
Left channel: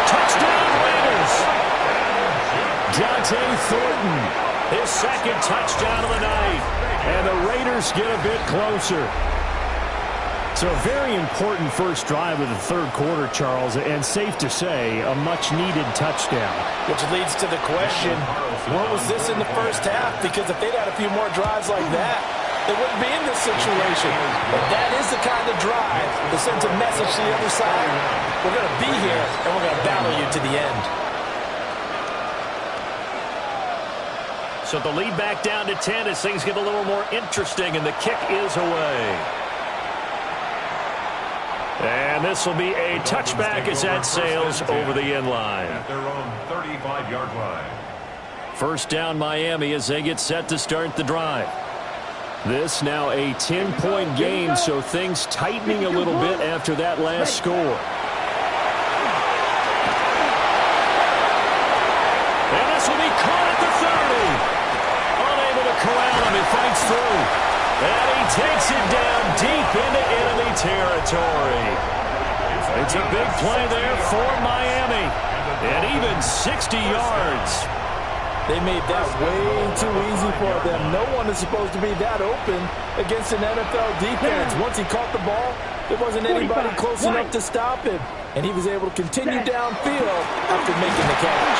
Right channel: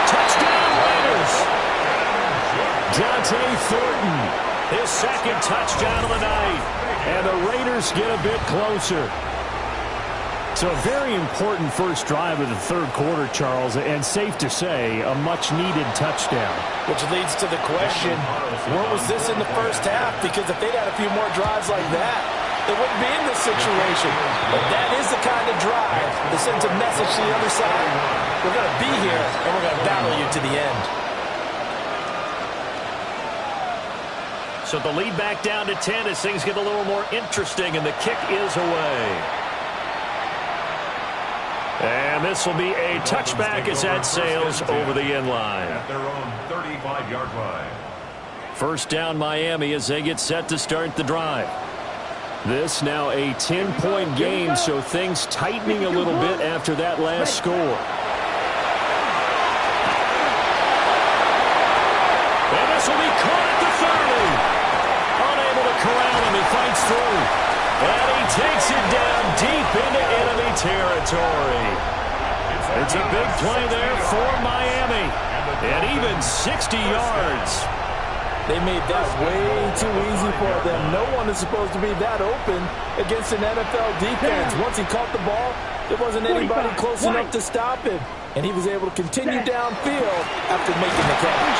Touchdown, Raiders. Dante Thornton, his second touchdown of the night. And the Raiders get a bit closer. So a very important first drive of the third quarter, Charles, and safe to say, a much-needed touchdown. Which leads to the question, where was this in the first half? Because if they'd had a few more drives like that, they wouldn't be in this situation. But that is the kind of drive that sends a message to the other side. We're going to be here, and we're going to battle you to the end. So the lead back down to 10 as things get a little more interesting, and the kick is away. And this will be a touchback as that sails over the end line. At their own 35-yard line. First down Miami as they get set to start the drive. This now a 10-point game, so things tightening a little bit after that last score. And this will be caught at the 30. Unable to corral him, he fights through. And he takes it down deep into enemy territory. It's a big play there for Miami. And even 60 yards. They made that way too easy for them. No one is supposed to be that open against an NFL defense. Once he caught the ball, there wasn't anybody close enough to stop him. And he was able to continue downfield after making the catch.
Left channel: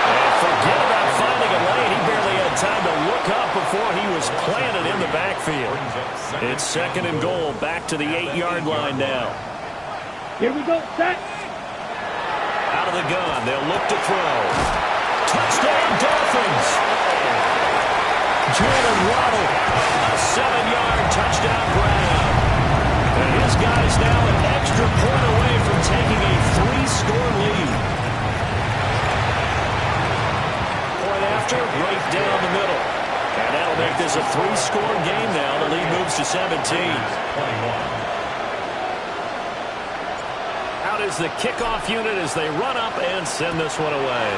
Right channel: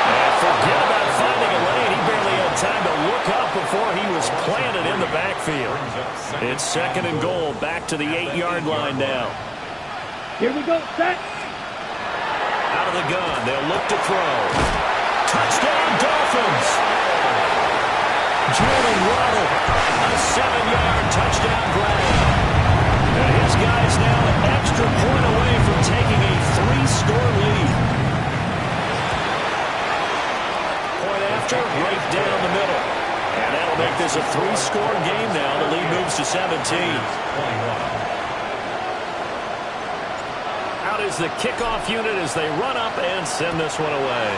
And forget about finding a lane. He barely had time to look up before he was planted in the backfield. It's second and goal, back to the 8-yard line now. Here we go, set. Out of the gun, they'll look to throw. Touchdown, Dolphins. Jalen Waddle, a 7-yard touchdown grab. And his guy's now an extra point away from taking a 3-score lead. Point after, right down the middle. And that'll make this a 3-score game now. The lead moves to 17. Out is the kickoff unit as they run up and send this one away.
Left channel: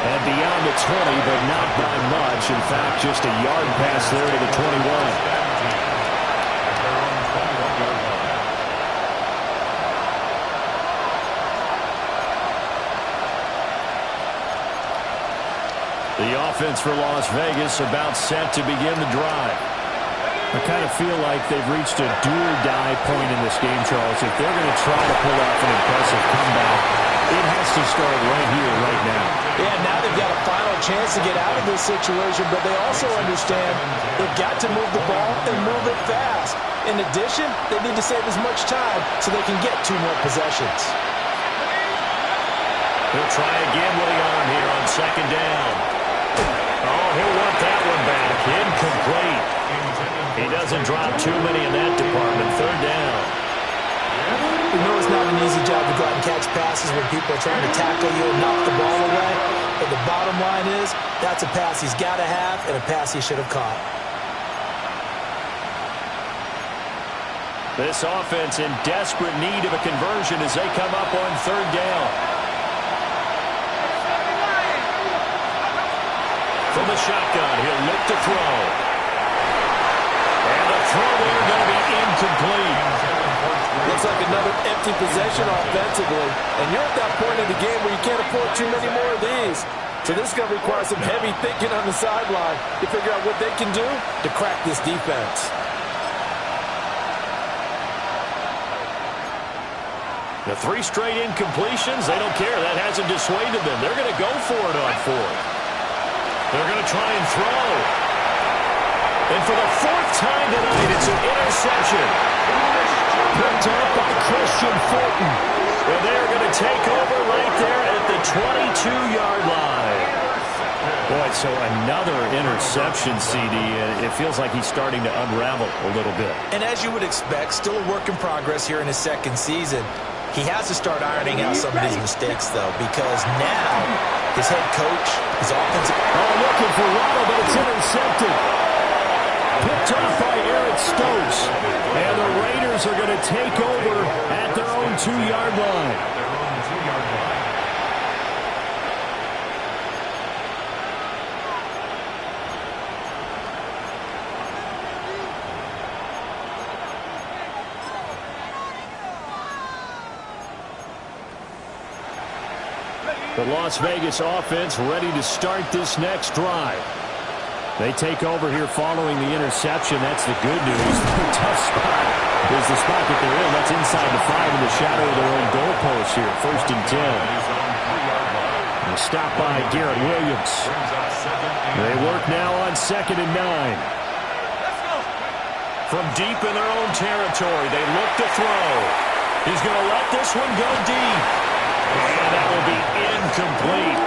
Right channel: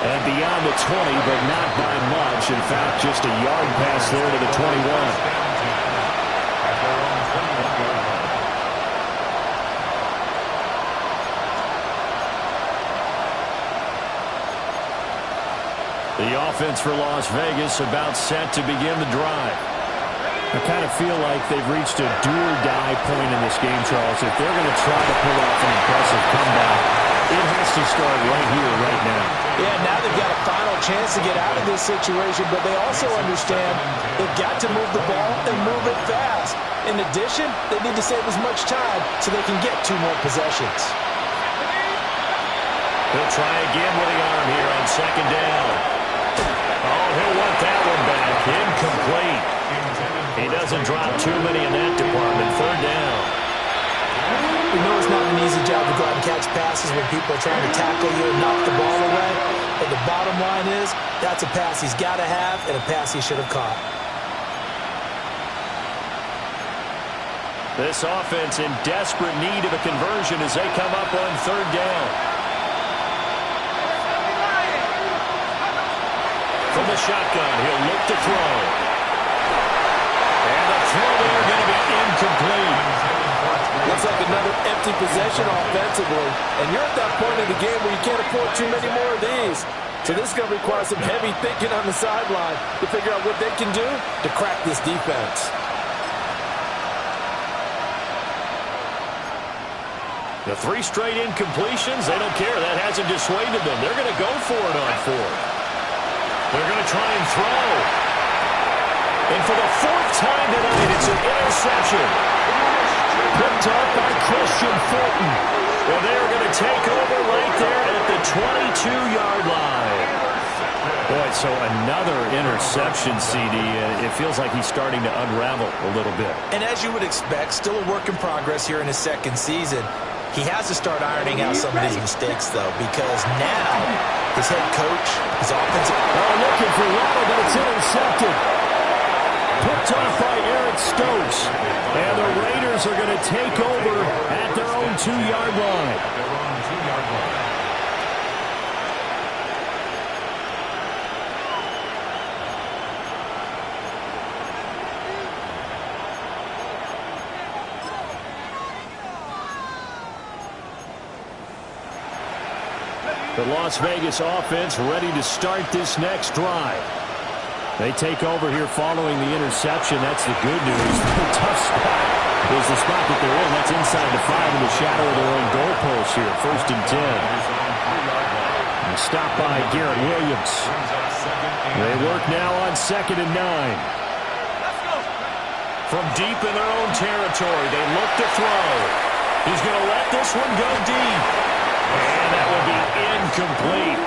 And beyond the 20, but not by much. In fact, just a yard pass there to the 21. At their own 21-yard line. The offense for Las Vegas about set to begin the drive. I kind of feel like they've reached a do-or-die point in this game, Charles. If they're going to try to pull off an impressive comeback, it has to start right here, right now. Yeah, now they've got a final chance to get out of this situation, but they also understand they've got to move the ball and move it fast. In addition, they need to save as much time so they can get 2 more possessions. He'll try again with the arm here on second down. Oh, he'll want that one back. Incomplete. He doesn't drop too many in that department. Third down. We know it's not an easy job to go out and catch passes when people are trying to tackle you and knock the ball away. But the bottom line is, that's a pass he's got to have and a pass he should have caught. This offense in desperate need of a conversion as they come up on third down. From the shotgun, he'll look to throw. And the throw there going to be incomplete. Looks like another empty possession offensively. And you're at that point in the game where you can't afford too many more of these. So this is going to require some heavy thinking on the sideline to figure out what they can do to crack this defense. The 3 straight incompletions, they don't care. That hasn't dissuaded them. They're going to go for it on 4th. They're going to try and throw. And for the 4th time tonight, it's an interception. Picked up by Christian Fulton. And they are going to take over right there at the 22-yard line. Boy, so another interception, CD. And it feels like he's starting to unravel a little bit. And as you would expect, still a work in progress here in his 2nd season. He has to start ironing out some of his mistakes, though, because now his head coach, his offensive... Oh, looking for Waddle, but it's intercepted. Picked off by Eric Stokes. And the Raiders are going to take over at their own 2-yard line. The Las Vegas offense ready to start this next drive. They take over here following the interception. That's the good news. The tough spot is the spot that they're in. That's inside the 5 in the shadow of their own goalpost here. 1st and 10. And a stop by Garrett Williams. They work now on 2nd and 9. From deep in their own territory, they look to throw. He's going to let this one go deep. And that will be incomplete.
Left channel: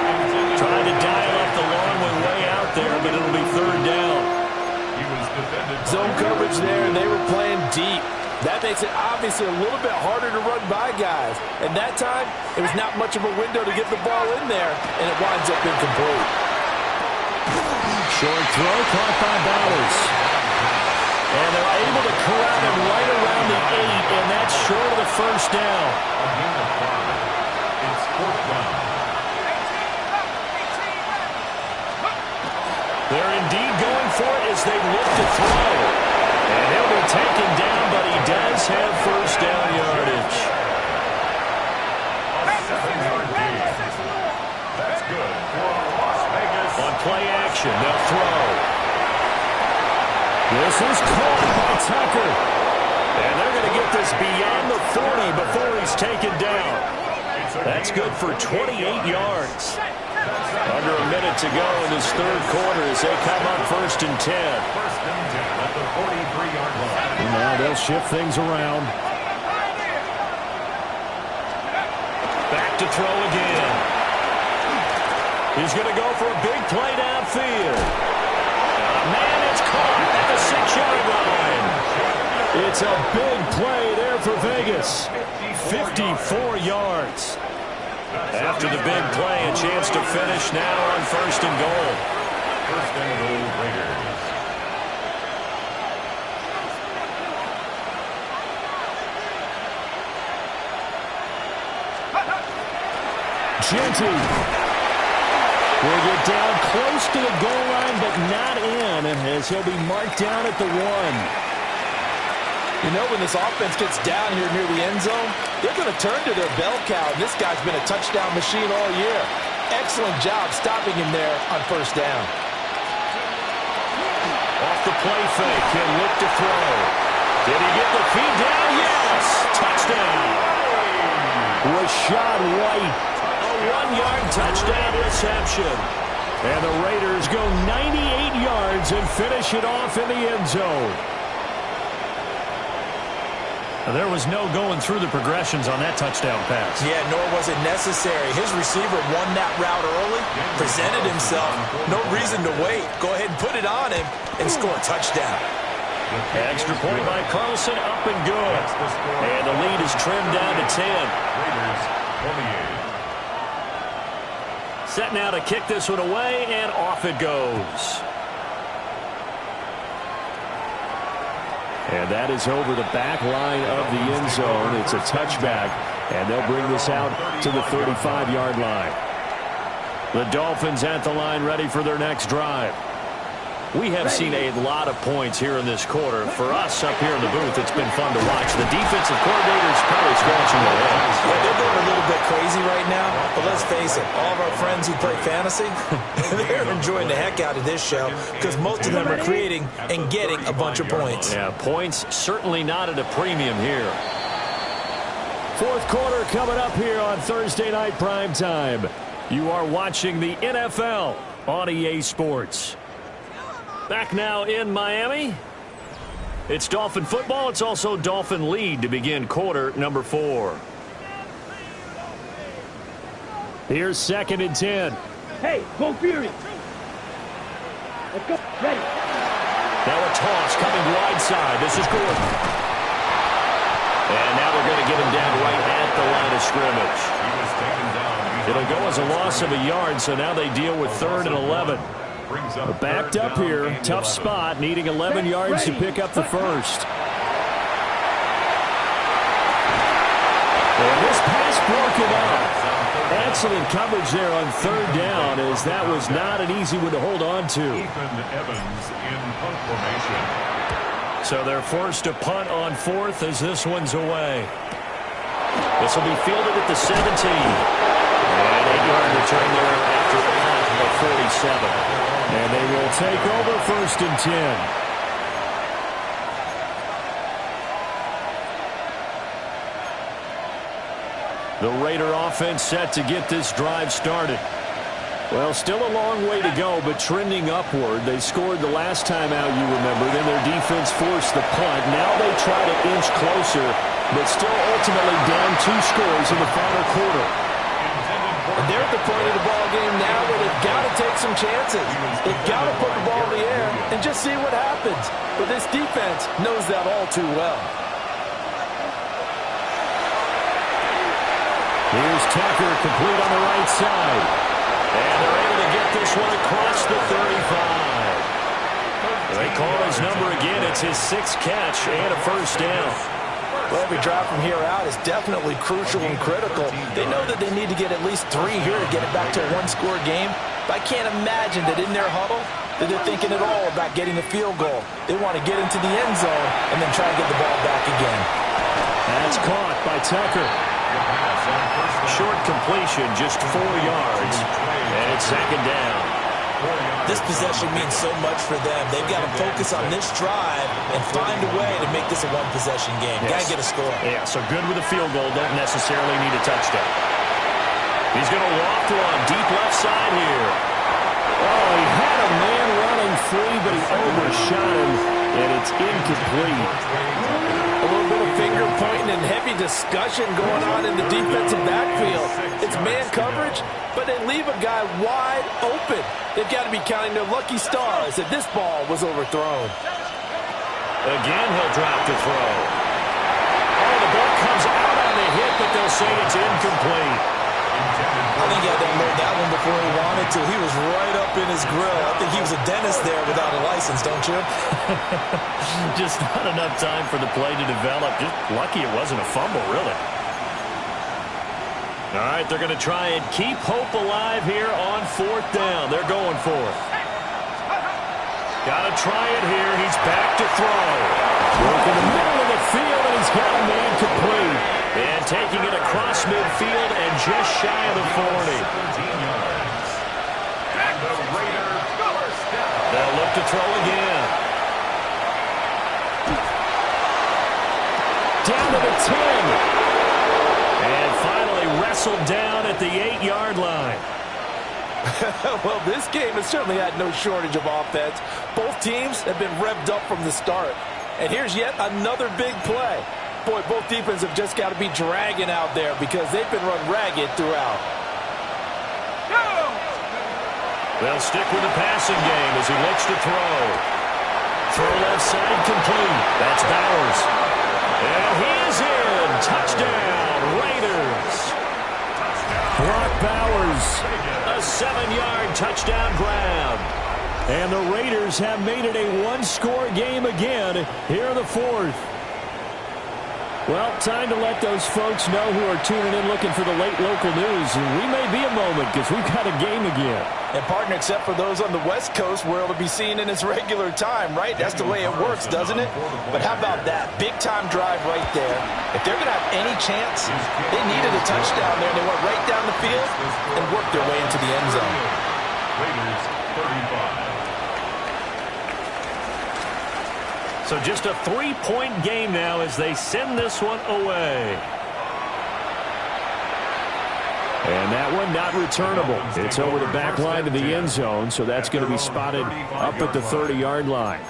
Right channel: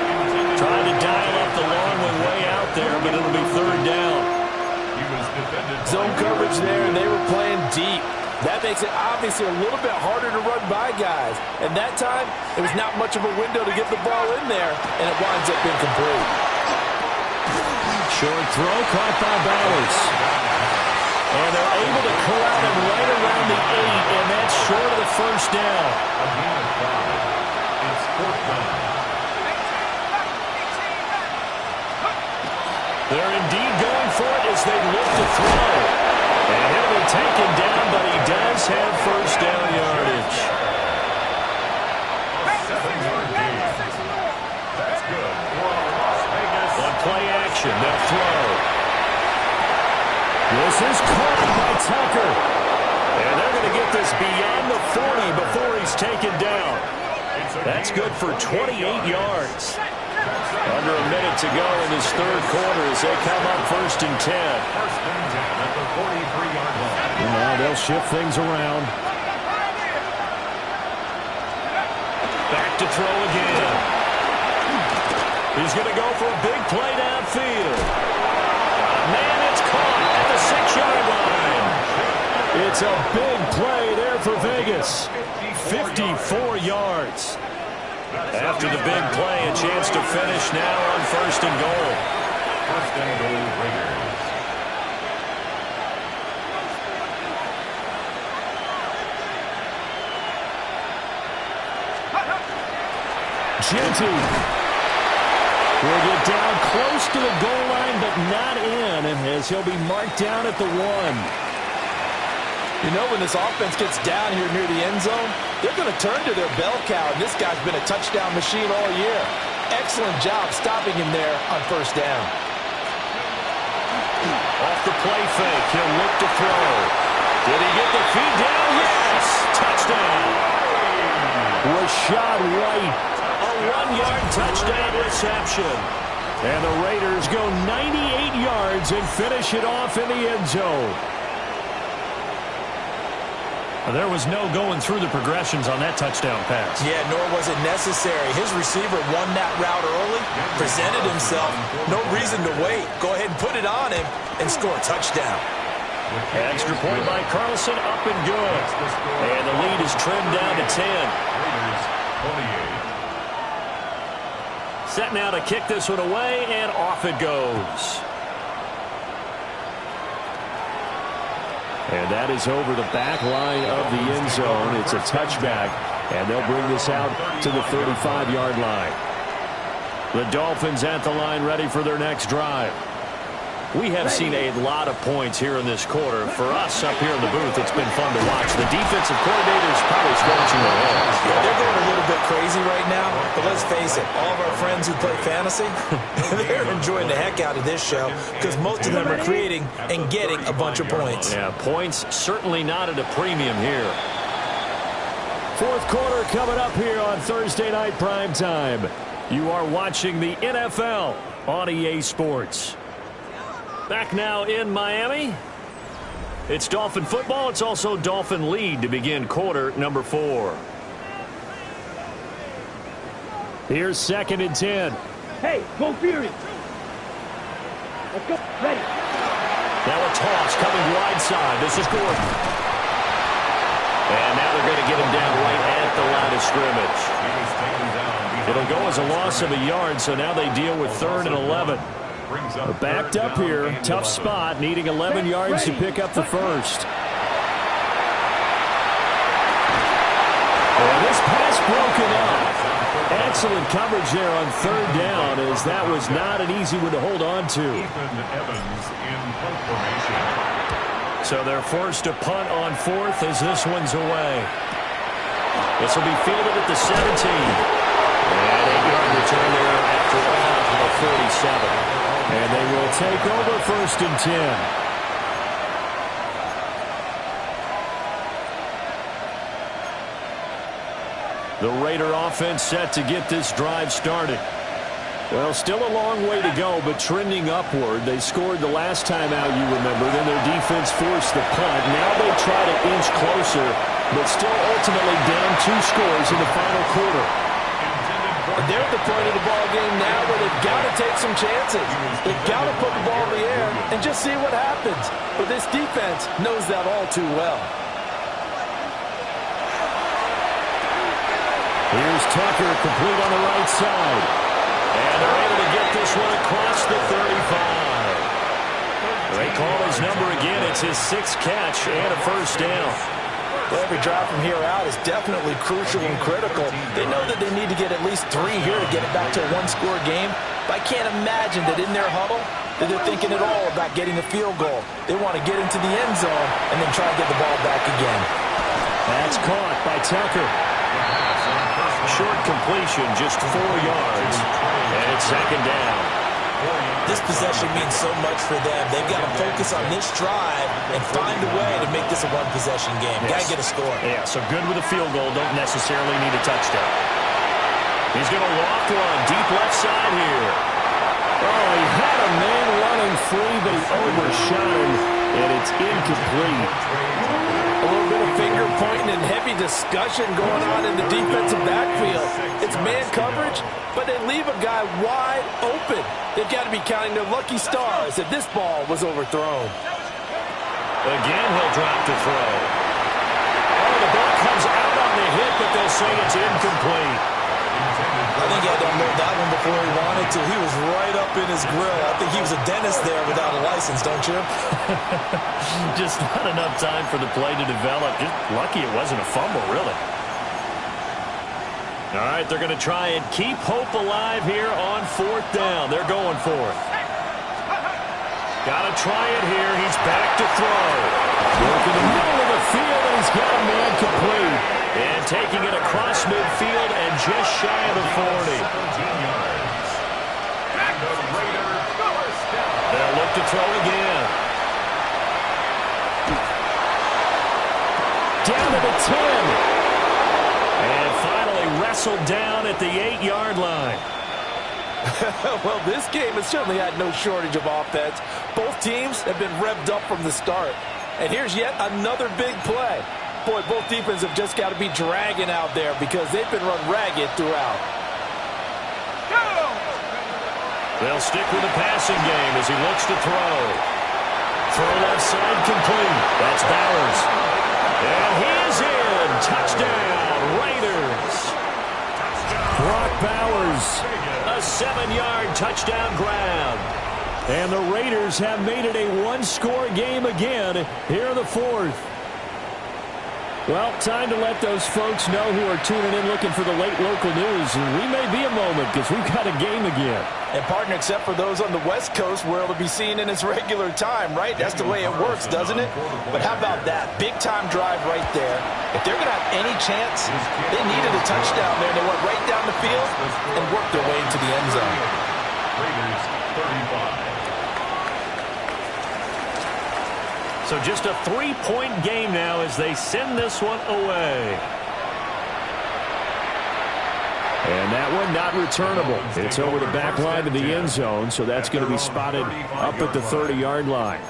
Trying to dial up the long one way out there, but it'll be 3rd down. Zone coverage there, and they were playing deep. That makes it obviously a little bit harder to run by guys. And that time, it was not much of a window to get the ball in there, and it winds up incomplete. Short throw caught by Bowers. And they're able to corral him right around the 8, and that's short of the 1st down. Again at 5. It's 4th down. They're indeed going for it as they look to throw. And he'll be taken down, but he does have 1st down yardage. A 7-yard gain. That's good for Las Vegas. On play action, they'll throw. This is caught by Tucker. And they're going to get this beyond the 40 before he's taken down. That's good for 28 yards. Under a minute to go in this 3rd quarter as they come up 1st and 10. 1st and 10 at the 43-yard line. And now they'll shift things around. Back to throw again. He's going to go for a big play downfield. Man, it's caught at the 6-yard line. It's a big play there for Vegas. 54 yards. After the big play, a chance to finish now on 1st and goal. 1st and goal, Raiders. Genty will get down close to the goal line, but not in, as he'll be marked down at the 1. You know, when this offense gets down here near the end zone, they're going to turn to their bell cow, and this guy's been a touchdown machine all year. Excellent job stopping him there on 1st down. Off the play fake, he'll look to throw. Did he get the feed down? Yes! Touchdown! Rashad White, a 1-yard touchdown reception. And the Raiders go 98 yards and finish it off in the end zone. There was no going through the progressions on that touchdown pass. Yeah, nor was it necessary. His receiver won that route early, presented himself. No reason to wait. Go ahead and put it on him and score a touchdown. Extra point by Carlson, up and good. And the lead is trimmed down to 10. Raiders 28. Set now to kick this one away, and off it goes. And that is over the back line of the end zone. It's a touchback, and they'll bring this out to the 35-yard line. The Dolphins at the line ready for their next drive. We have seen a lot of points here in this quarter. For us up here in the booth, it's been fun to watch. The defensive coordinators probably scratching their heads. Yeah, they're going a little bit crazy right now. But let's face it, all of our friends who play fantasy, they're enjoying the heck out of this show because most of them are creating and getting a bunch of points. Yeah, points certainly not at a premium here. Fourth quarter coming up here on Thursday Night Primetime. You are watching the NFL on EA Sports. Back now in Miami. It's Dolphin football. It's also Dolphin lead to begin quarter number 4. Here's 2nd and 10. Hey, go Fury. Let's go. Ready. Now a toss coming wide side. This is Gordon. And now they're going to get him down right at the line of scrimmage. He was taken down. It'll go as a loss of a yard, so now they deal with 3rd and 11. They're backed up here. Tough spot, needing 11 yards to pick up the first. And this pass broken up. Excellent coverage there on 3rd down, as that was not an easy one to hold on to. Ethan Evans in punt formation. So they're forced to punt on 4th as this one's away. This will be fielded at the 17. And 8-yard return there after a punt of 47. And they will take over 1st and 10. The Raider offense set to get this drive started. Well, still a long way to go, but trending upward. They scored the last time out, you remember. Then their defense forced the punt. Now they try to inch closer, but still ultimately down 2 scores in the final quarter. They're at the point of the ball game now where they've got to take some chances. They've got to put the ball in the air and just see what happens. But this defense knows that all too well. Here's Tucker, complete on the right side. And they're able to get this one across the 35. They call his number again. It's his 6th catch and a first down. Well, every drive from here out is definitely crucial and critical. They know that they need to get at least 3 here to get it back to a 1-score game. But I can't imagine that in their huddle that they're thinking at all about getting a field goal. They want to get into the end zone and then try to get the ball back again. That's caught by Tucker. Short completion, just 4 yards. And it's 2nd down. This possession means so much for them. They've got to focus on this drive and find a way to make this a 1-possession game. Yes. Got to get a score. Yeah, so good with a field goal. Don't necessarily need a touchdown. He's going to loft one deep left side here. Oh, he had a man running free, but he overshot him, and it's incomplete. A little bit of finger pointing and heavy discussion going on in the defensive backfield. It's man coverage, but they leave a guy wide open. They've got to be counting their lucky stars that this ball was overthrown. Again, he'll drop to throw. Oh, the ball comes out on the hit, but they'll say it's incomplete. I think he had to unload that one before he wanted to. He was right up in his grill. I think he was a dentist there without a license, don't you? Just not enough time for the play to develop. Just lucky it wasn't a fumble, really. All right, they're going to try and keep hope alive here on 4th down. They're going for it. Got to try it here. He's back to throw. Work in the middle of the field, and he's got a man complete. And taking it across midfield and just shy of the 40. 17 yards. And the Raiders first down. They'll look to throw again. Down to the 10. And finally wrestled down at the 8-yard line. Well, this game has certainly had no shortage of offense. Both teams have been revved up from the start. And here's yet another big play. Boy, both defenses have just got to be dragging out there because they've been run ragged throughout. They'll stick with the passing game as he looks to throw. Throw left side complete. That's Bowers. And he is in. Touchdown, Raiders. Brock Bowers, a 7-yard touchdown grab. And the Raiders have made it a 1-score game again here in the 4th. Well, time to let those folks know who are tuning in looking for the late local news. And we may be a moment because we've got a game again. And, partner, except for those on the West Coast, where it'll be seen in its regular time, right? That's the way it works, doesn't it? But how about that? Big-time drive right there. If they're going to have any chance, they needed a touchdown there, and they went right down the field and worked their way into the end zone. Raiders 35. So just a 3-point game now as they send this one away. And that one not returnable. It's over the back line to the end zone, so that's going to be spotted up at the 30-yard line.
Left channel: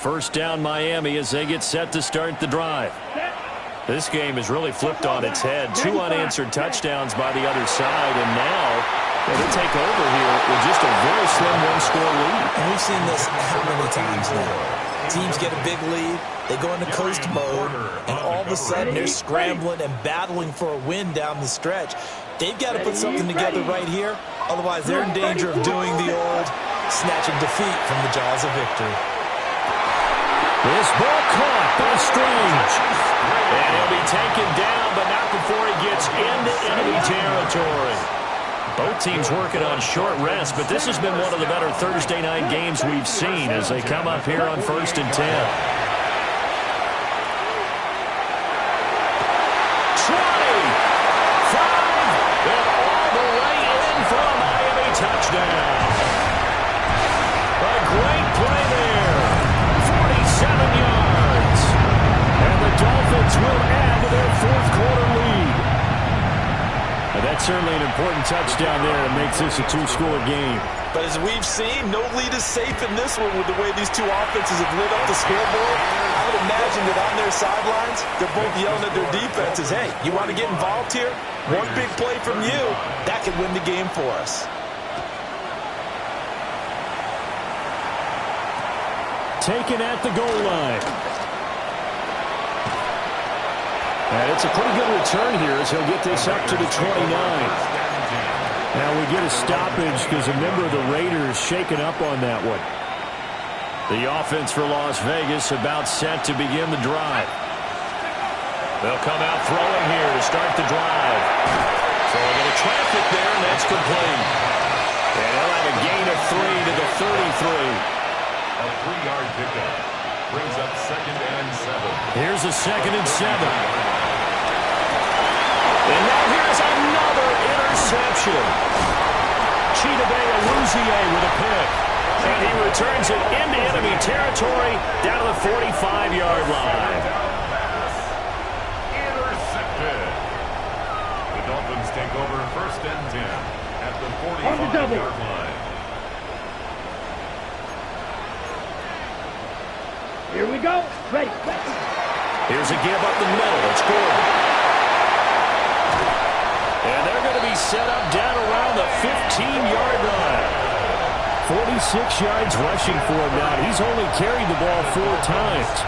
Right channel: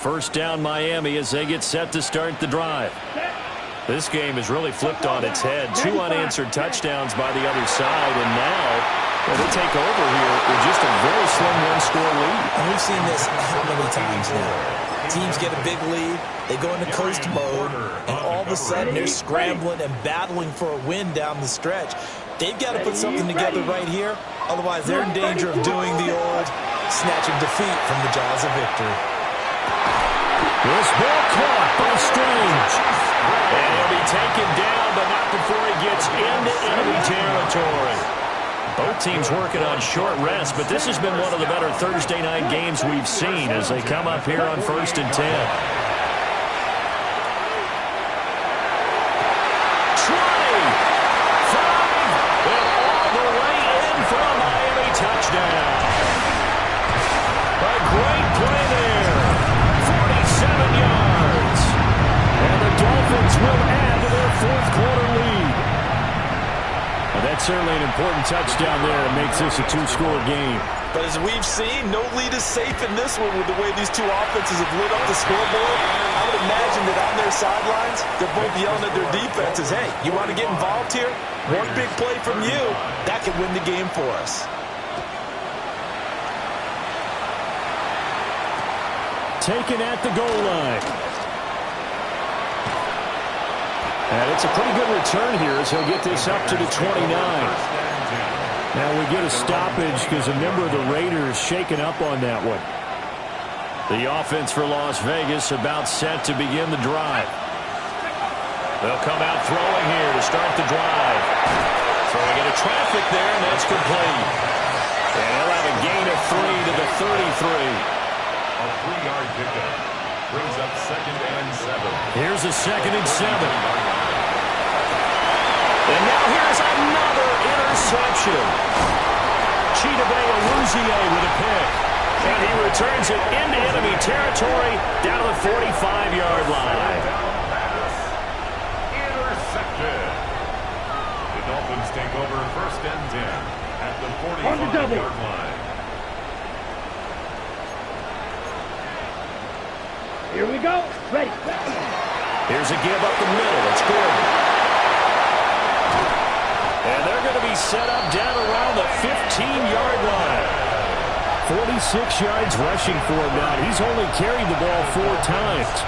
First down Miami as they get set to start the drive. This game is really flipped on its head. 2 unanswered touchdowns by the other side, and now they take over here with just a very slim one-score lead. And we've seen this how many times now? Teams get a big lead, they go into coast mode, and all of a sudden they're scrambling and battling for a win down the stretch. They've got to put something together right here, otherwise they're in danger of doing the old snatching defeat from the jaws of victory. This ball caught by Strange. And he'll be taken down, but not before he gets into enemy territory. Both teams working on short rest, but this has been one of the better Thursday night games we've seen as they come up here on 1st and 10. 20. 5, and all the way in for a Miami touchdown. A great play there. 47 yards. And the Dolphins will add to their 4th quarter lead. Now that's certainly an important touchdown there. It makes this a 2-score game. But as we've seen, no lead is safe in this one with the way these two offenses have lit up the scoreboard. I would imagine that on their sidelines, they're both yelling at their defenses, hey, you want to get involved here? One big play from you, that could win the game for us. Taken at the goal line. And it's a pretty good return here as he'll get this up to the 29. Now we get a stoppage because a member of the Raiders shaken up on that one. The offense for Las Vegas about set to begin the drive. They'll come out throwing here to start the drive. Throwing into traffic there, and that's complete. And he'll have a gain of 3 to the 33. A 3-yard pickup brings up 2nd and 7. Here's a 2nd and 7. And now here's another interception. Chidobe Awuzie with a pick. And he returns it into enemy territory down to the 45-yard line. Intercepted. The Dolphins take over 1st and 10 at the 45-yard line. Here we go. Ready. Here's a give up the middle. It's Gordon. And they're going to be set up down around the 15-yard line. 46 yards rushing for him now. He's only carried the ball 4 times.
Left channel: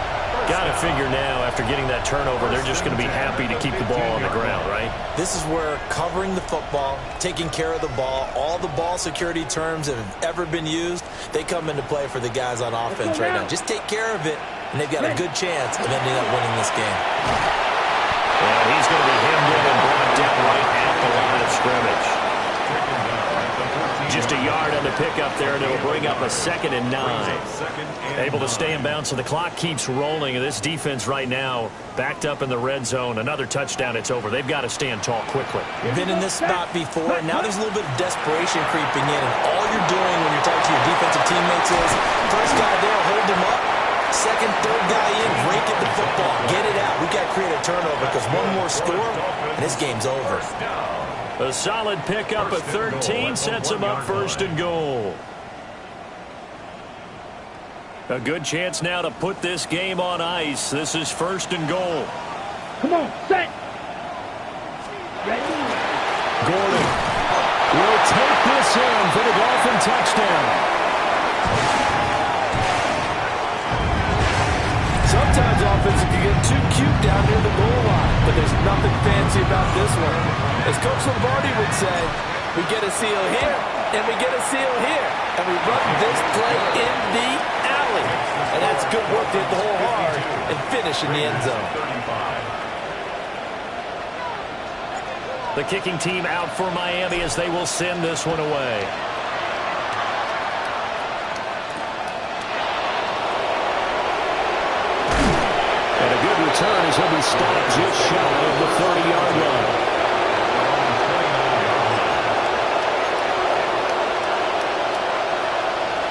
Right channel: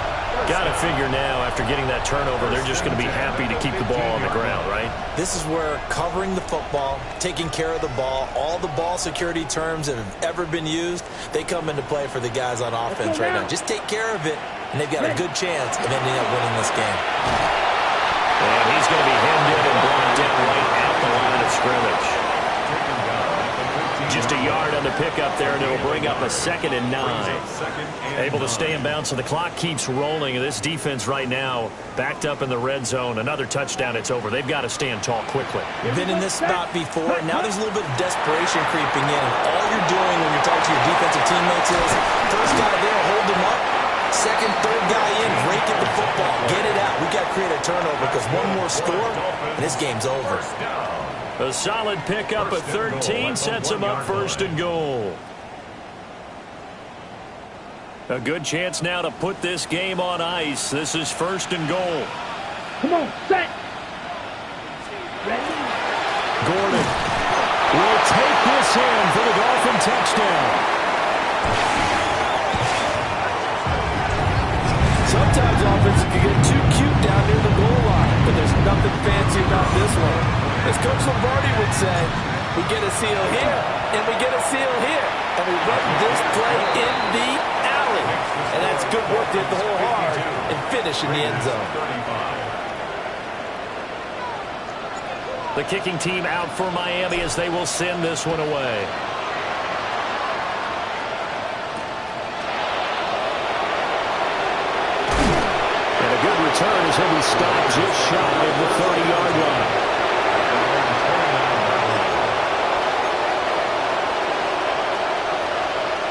Got to figure now, after getting that turnover, they're just going to be happy to keep the ball on the ground, right? This is where covering the football, taking care of the ball, all the ball security terms that have ever been used, they come into play for the guys on offense right now. Just take care of it, and they've got a good chance of ending up winning this game. And he's going to be hemmed in and brought down right at the line of scrimmage. Just a yard on the pickup there, and it'll bring up a 2nd and 9. Able to stay in bounds, so the clock keeps rolling. And this defense right now backed up in the red zone. Another touchdown, it's over. They've got to stand tall quickly. You've been in this spot before, and now there's a little bit of desperation creeping in. And all you're doing when you're talking to your defensive teammates is, first guy there, hold him up. Second, third guy in, break at the football. Get it out. We've got to create a turnover because one more score, and this game's over. A solid pickup at 13 sets him up 1st and goal. A good chance now to put this game on ice. This is 1st and goal. Come on, set. Ready. Gordon will take this in for the Dolphin touchdown. Sometimes offenses can get too cute down near the goal line, but there's nothing fancy about this one. As Coach Lombardi would say, we get a seal here, And we get a seal here. And we run this play in the alley. And that's good work to hit the hole hard and finish in the end zone. The kicking team out for Miami as they will send this one away. And a good return as he'll be stopped just shy of the 30-yard line.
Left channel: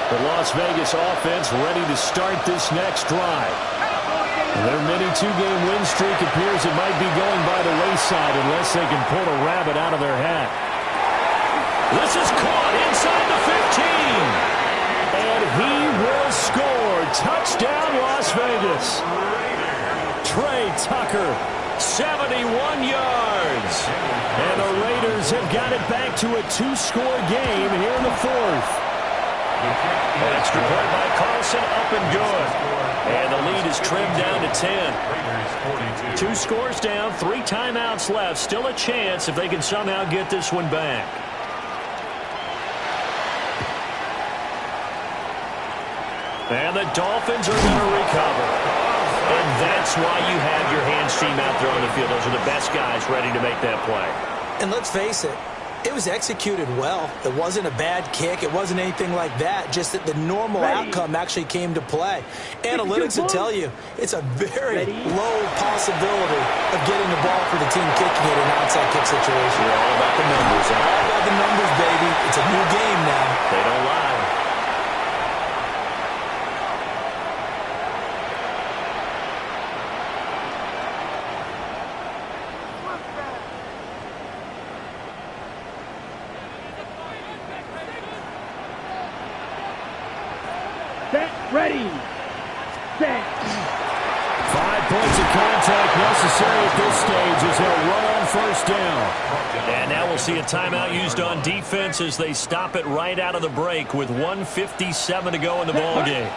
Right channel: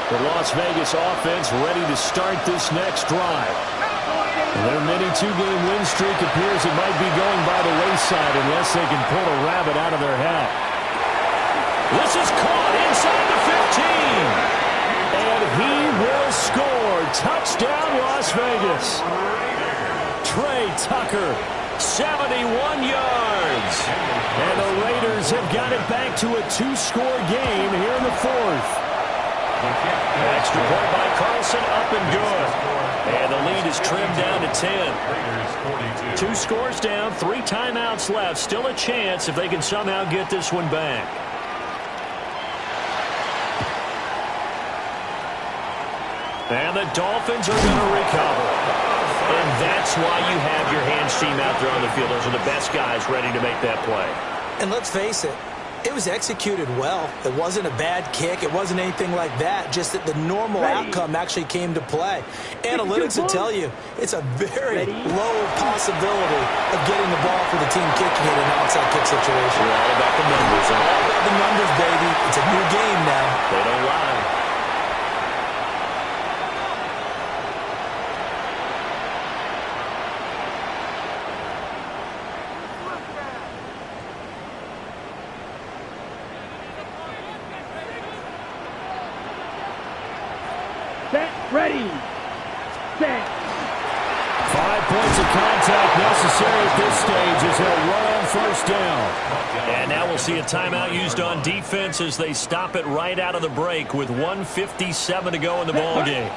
The Las Vegas offense ready to start this next drive. Their mini two-game win streak appears it might be going by the wayside unless they can pull a rabbit out of their hat. This is caught inside the 15. And he will score. Touchdown, Las Vegas. Trey Tucker, 71 yards. And the Raiders have got it back to a two-score game here in the fourth. An extra point by Carlson, up and good. And the lead is trimmed down to 10. 2 scores down, 3 timeouts left. Still a chance if they can somehow get this one back. And the Dolphins are going to recover. And that's why you have your hands team out there on the field. Those are the best guys ready to make that play. And let's face it, it was executed well. It wasn't a bad kick. It wasn't anything like that. Just that the normal outcome actually came to play. Analytics will tell you it's a very low possibility of getting the ball for the team kicking it in an outside kick situation. We're all about the numbers. All about the numbers, baby. It's a new game now. They don't lie. Ready, set. 5 points of contact necessary at this stage as they'll run on first down. And now we'll see a timeout used on defense as they stop it right out of the break with 1:57 to go in the ball game.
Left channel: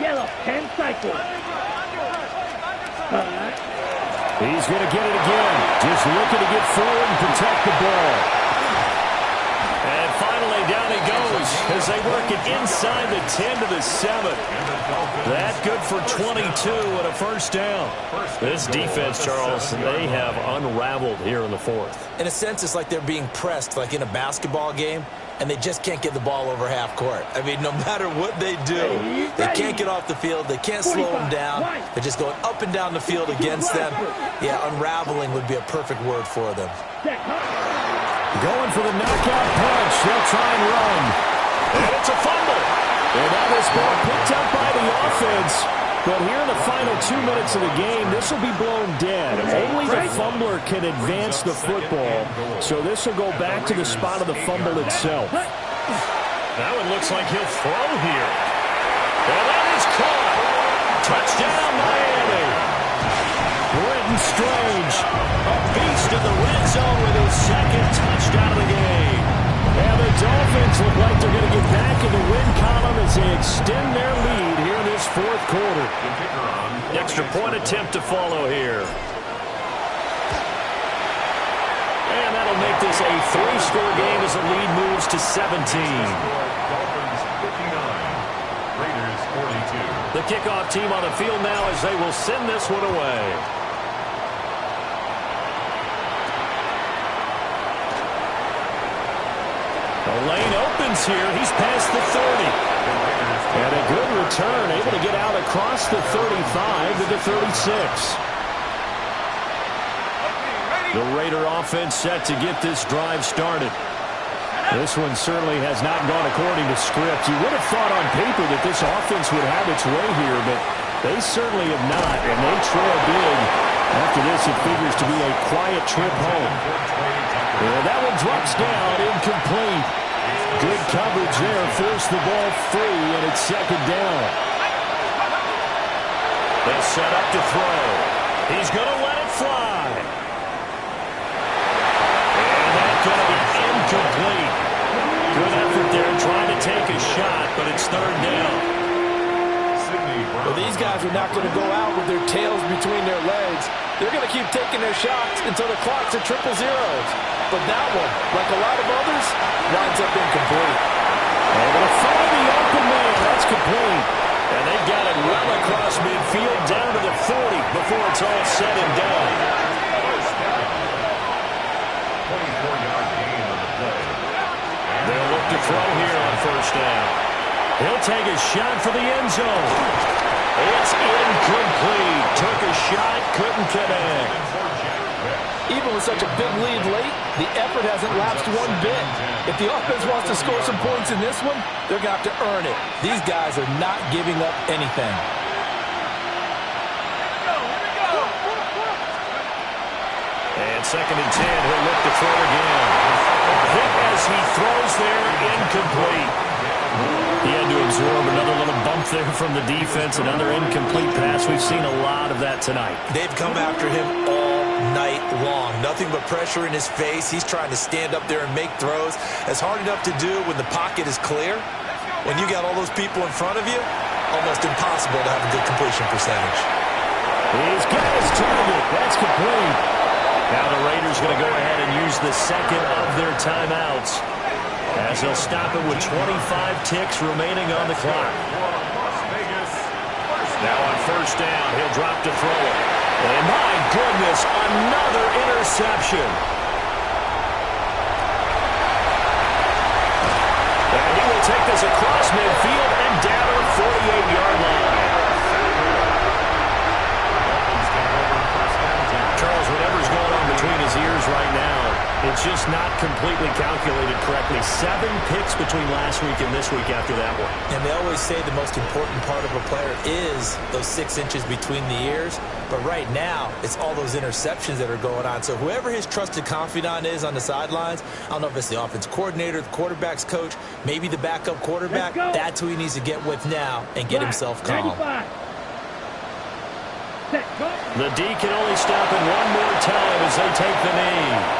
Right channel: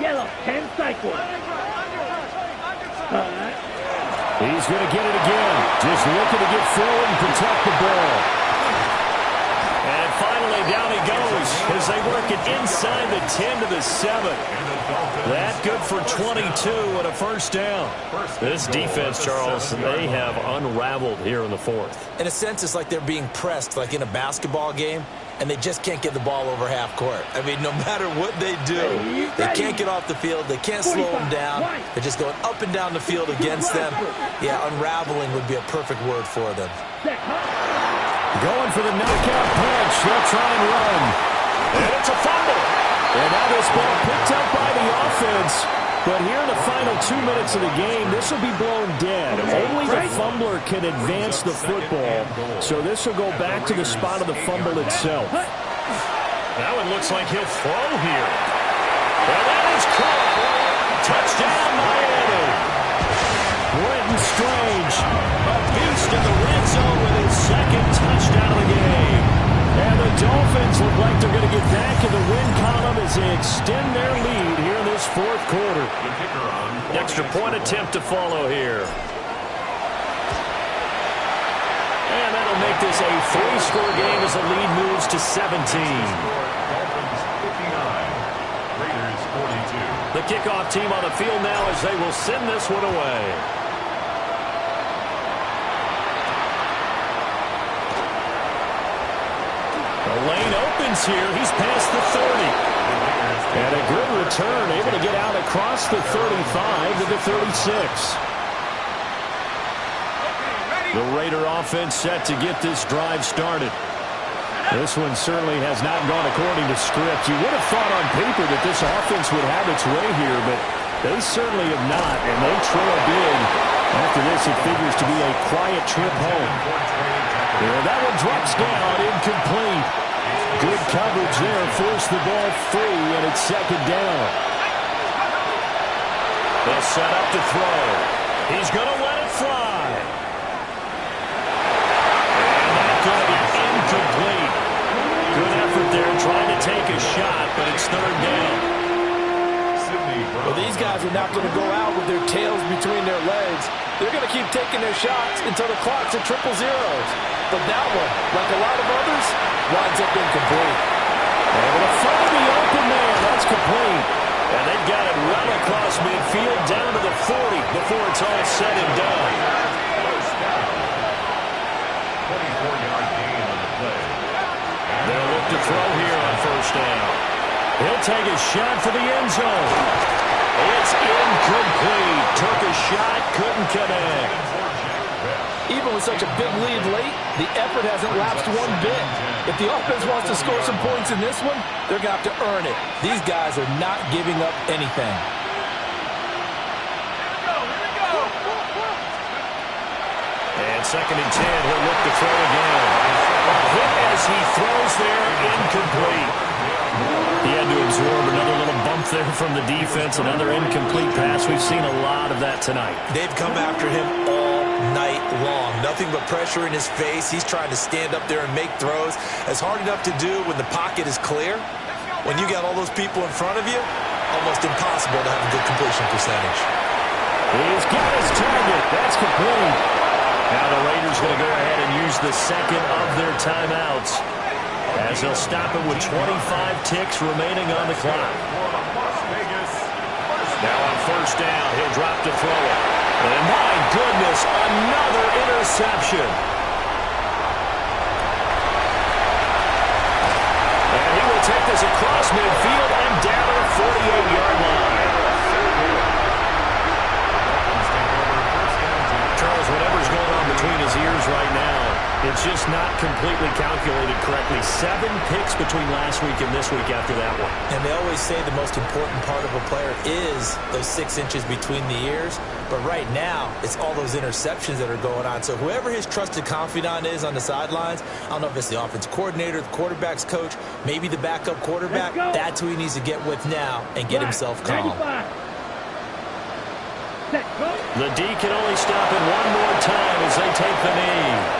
Yellow, 10 cycles. He's going to get it again. Just looking to get forward and protect the ball. And finally, down he goes as they work it inside the 10 to the 7. That good for 22 and a first down. This defense, Charles, they have unraveled here in the fourth. In a sense, it's like they're being pressed like in a basketball game, and they just can't get the ball over half court. I mean, no matter what they do, they can't get off the field. They can't slow them down. They're just going up and down the field against them. Yeah, unraveling would be a perfect word for them. Going for the knockout punch. They'll try and run. And it's a fumble. And now this ball picked up by the offense. But here in the final 2 minutes of the game, this will be blown dead. Only the fumbler can advance the football. So this will go back to the spot of the fumble itself. That one looks like he'll throw here. And that is caught. Touchdown, Miami. Brenton Strange, a beast in the red zone with his second touchdown of the game. And the Dolphins look like they're going to get back in the win column as they extend their lead here in this fourth quarter. Extra point attempt to follow here. And that'll make this a 3-score game as the lead moves to 17. Dolphins 59, Raiders 42. The kickoff team on the field now as they will send this one away. The lane opens here. He's past the 30. And a good return, able to get out across the 35 to the 36. The Raider offense set to get this drive started. This one certainly has not gone according to script. You would have thought on paper that this offense would have its way here, but they certainly have not, and they trail big. After this, it figures to be a quiet trip home. And that one drops down, incomplete. Good coverage there, forced the ball free, and it's second down. They'll set up to throw. He's going to let it fly. And that's going to be incomplete. Good effort there, trying to take a shot, but it's third down. Well, these guys are not going to go out with their tails between their legs. They're going to keep taking their shots until the clock's at 000. but that one, like a lot of others, winds up incomplete. Able to find the open man. That's complete. And they've got it well across midfield down to the 40 before it's all said and done. First down. 24-yard gain on the play. They'll look to throw here on first down. He'll take a shot for the end zone. It's incomplete. Took a shot, couldn't connect. Even with such a big lead late, the effort hasn't lapsed one bit. If the offense wants to score some points in this one, they're going to have to earn it. These guys are not giving up anything. And 2nd and 10, he'll look to throw again. A hit as he throws there, incomplete. He had to absorb another little bump there from the defense, another incomplete pass. We've seen a lot of that tonight. They've come after him all night long. Nothing but pressure in his face. He's trying to stand up there and make throws. It's hard enough to do when the pocket is clear. When you got all those people in front of you, almost impossible to have a good completion percentage. He's got his target. That's complete. Now the Raiders going to go ahead and use the second of their timeouts, as they'll stop it with 25 ticks remaining on the clock. Now on first down, he'll drop to throw it. And my goodness, another interception. And he will take this across midfield and down to the 48-yard line. Charles, whatever's going on between his ears right now, it's just not completely calculated correctly. 7 picks between last week and this week after that one. And they always say the most important part of a player is those 6 inches between the ears. But right now, it's all those interceptions that are going on. So whoever his trusted confidant is on the sidelines, I don't know if it's the offense coordinator, the quarterback's coach, maybe the backup quarterback, that's who he needs to get with now and get himself calm. The D can only stop it one more time as they take the knee.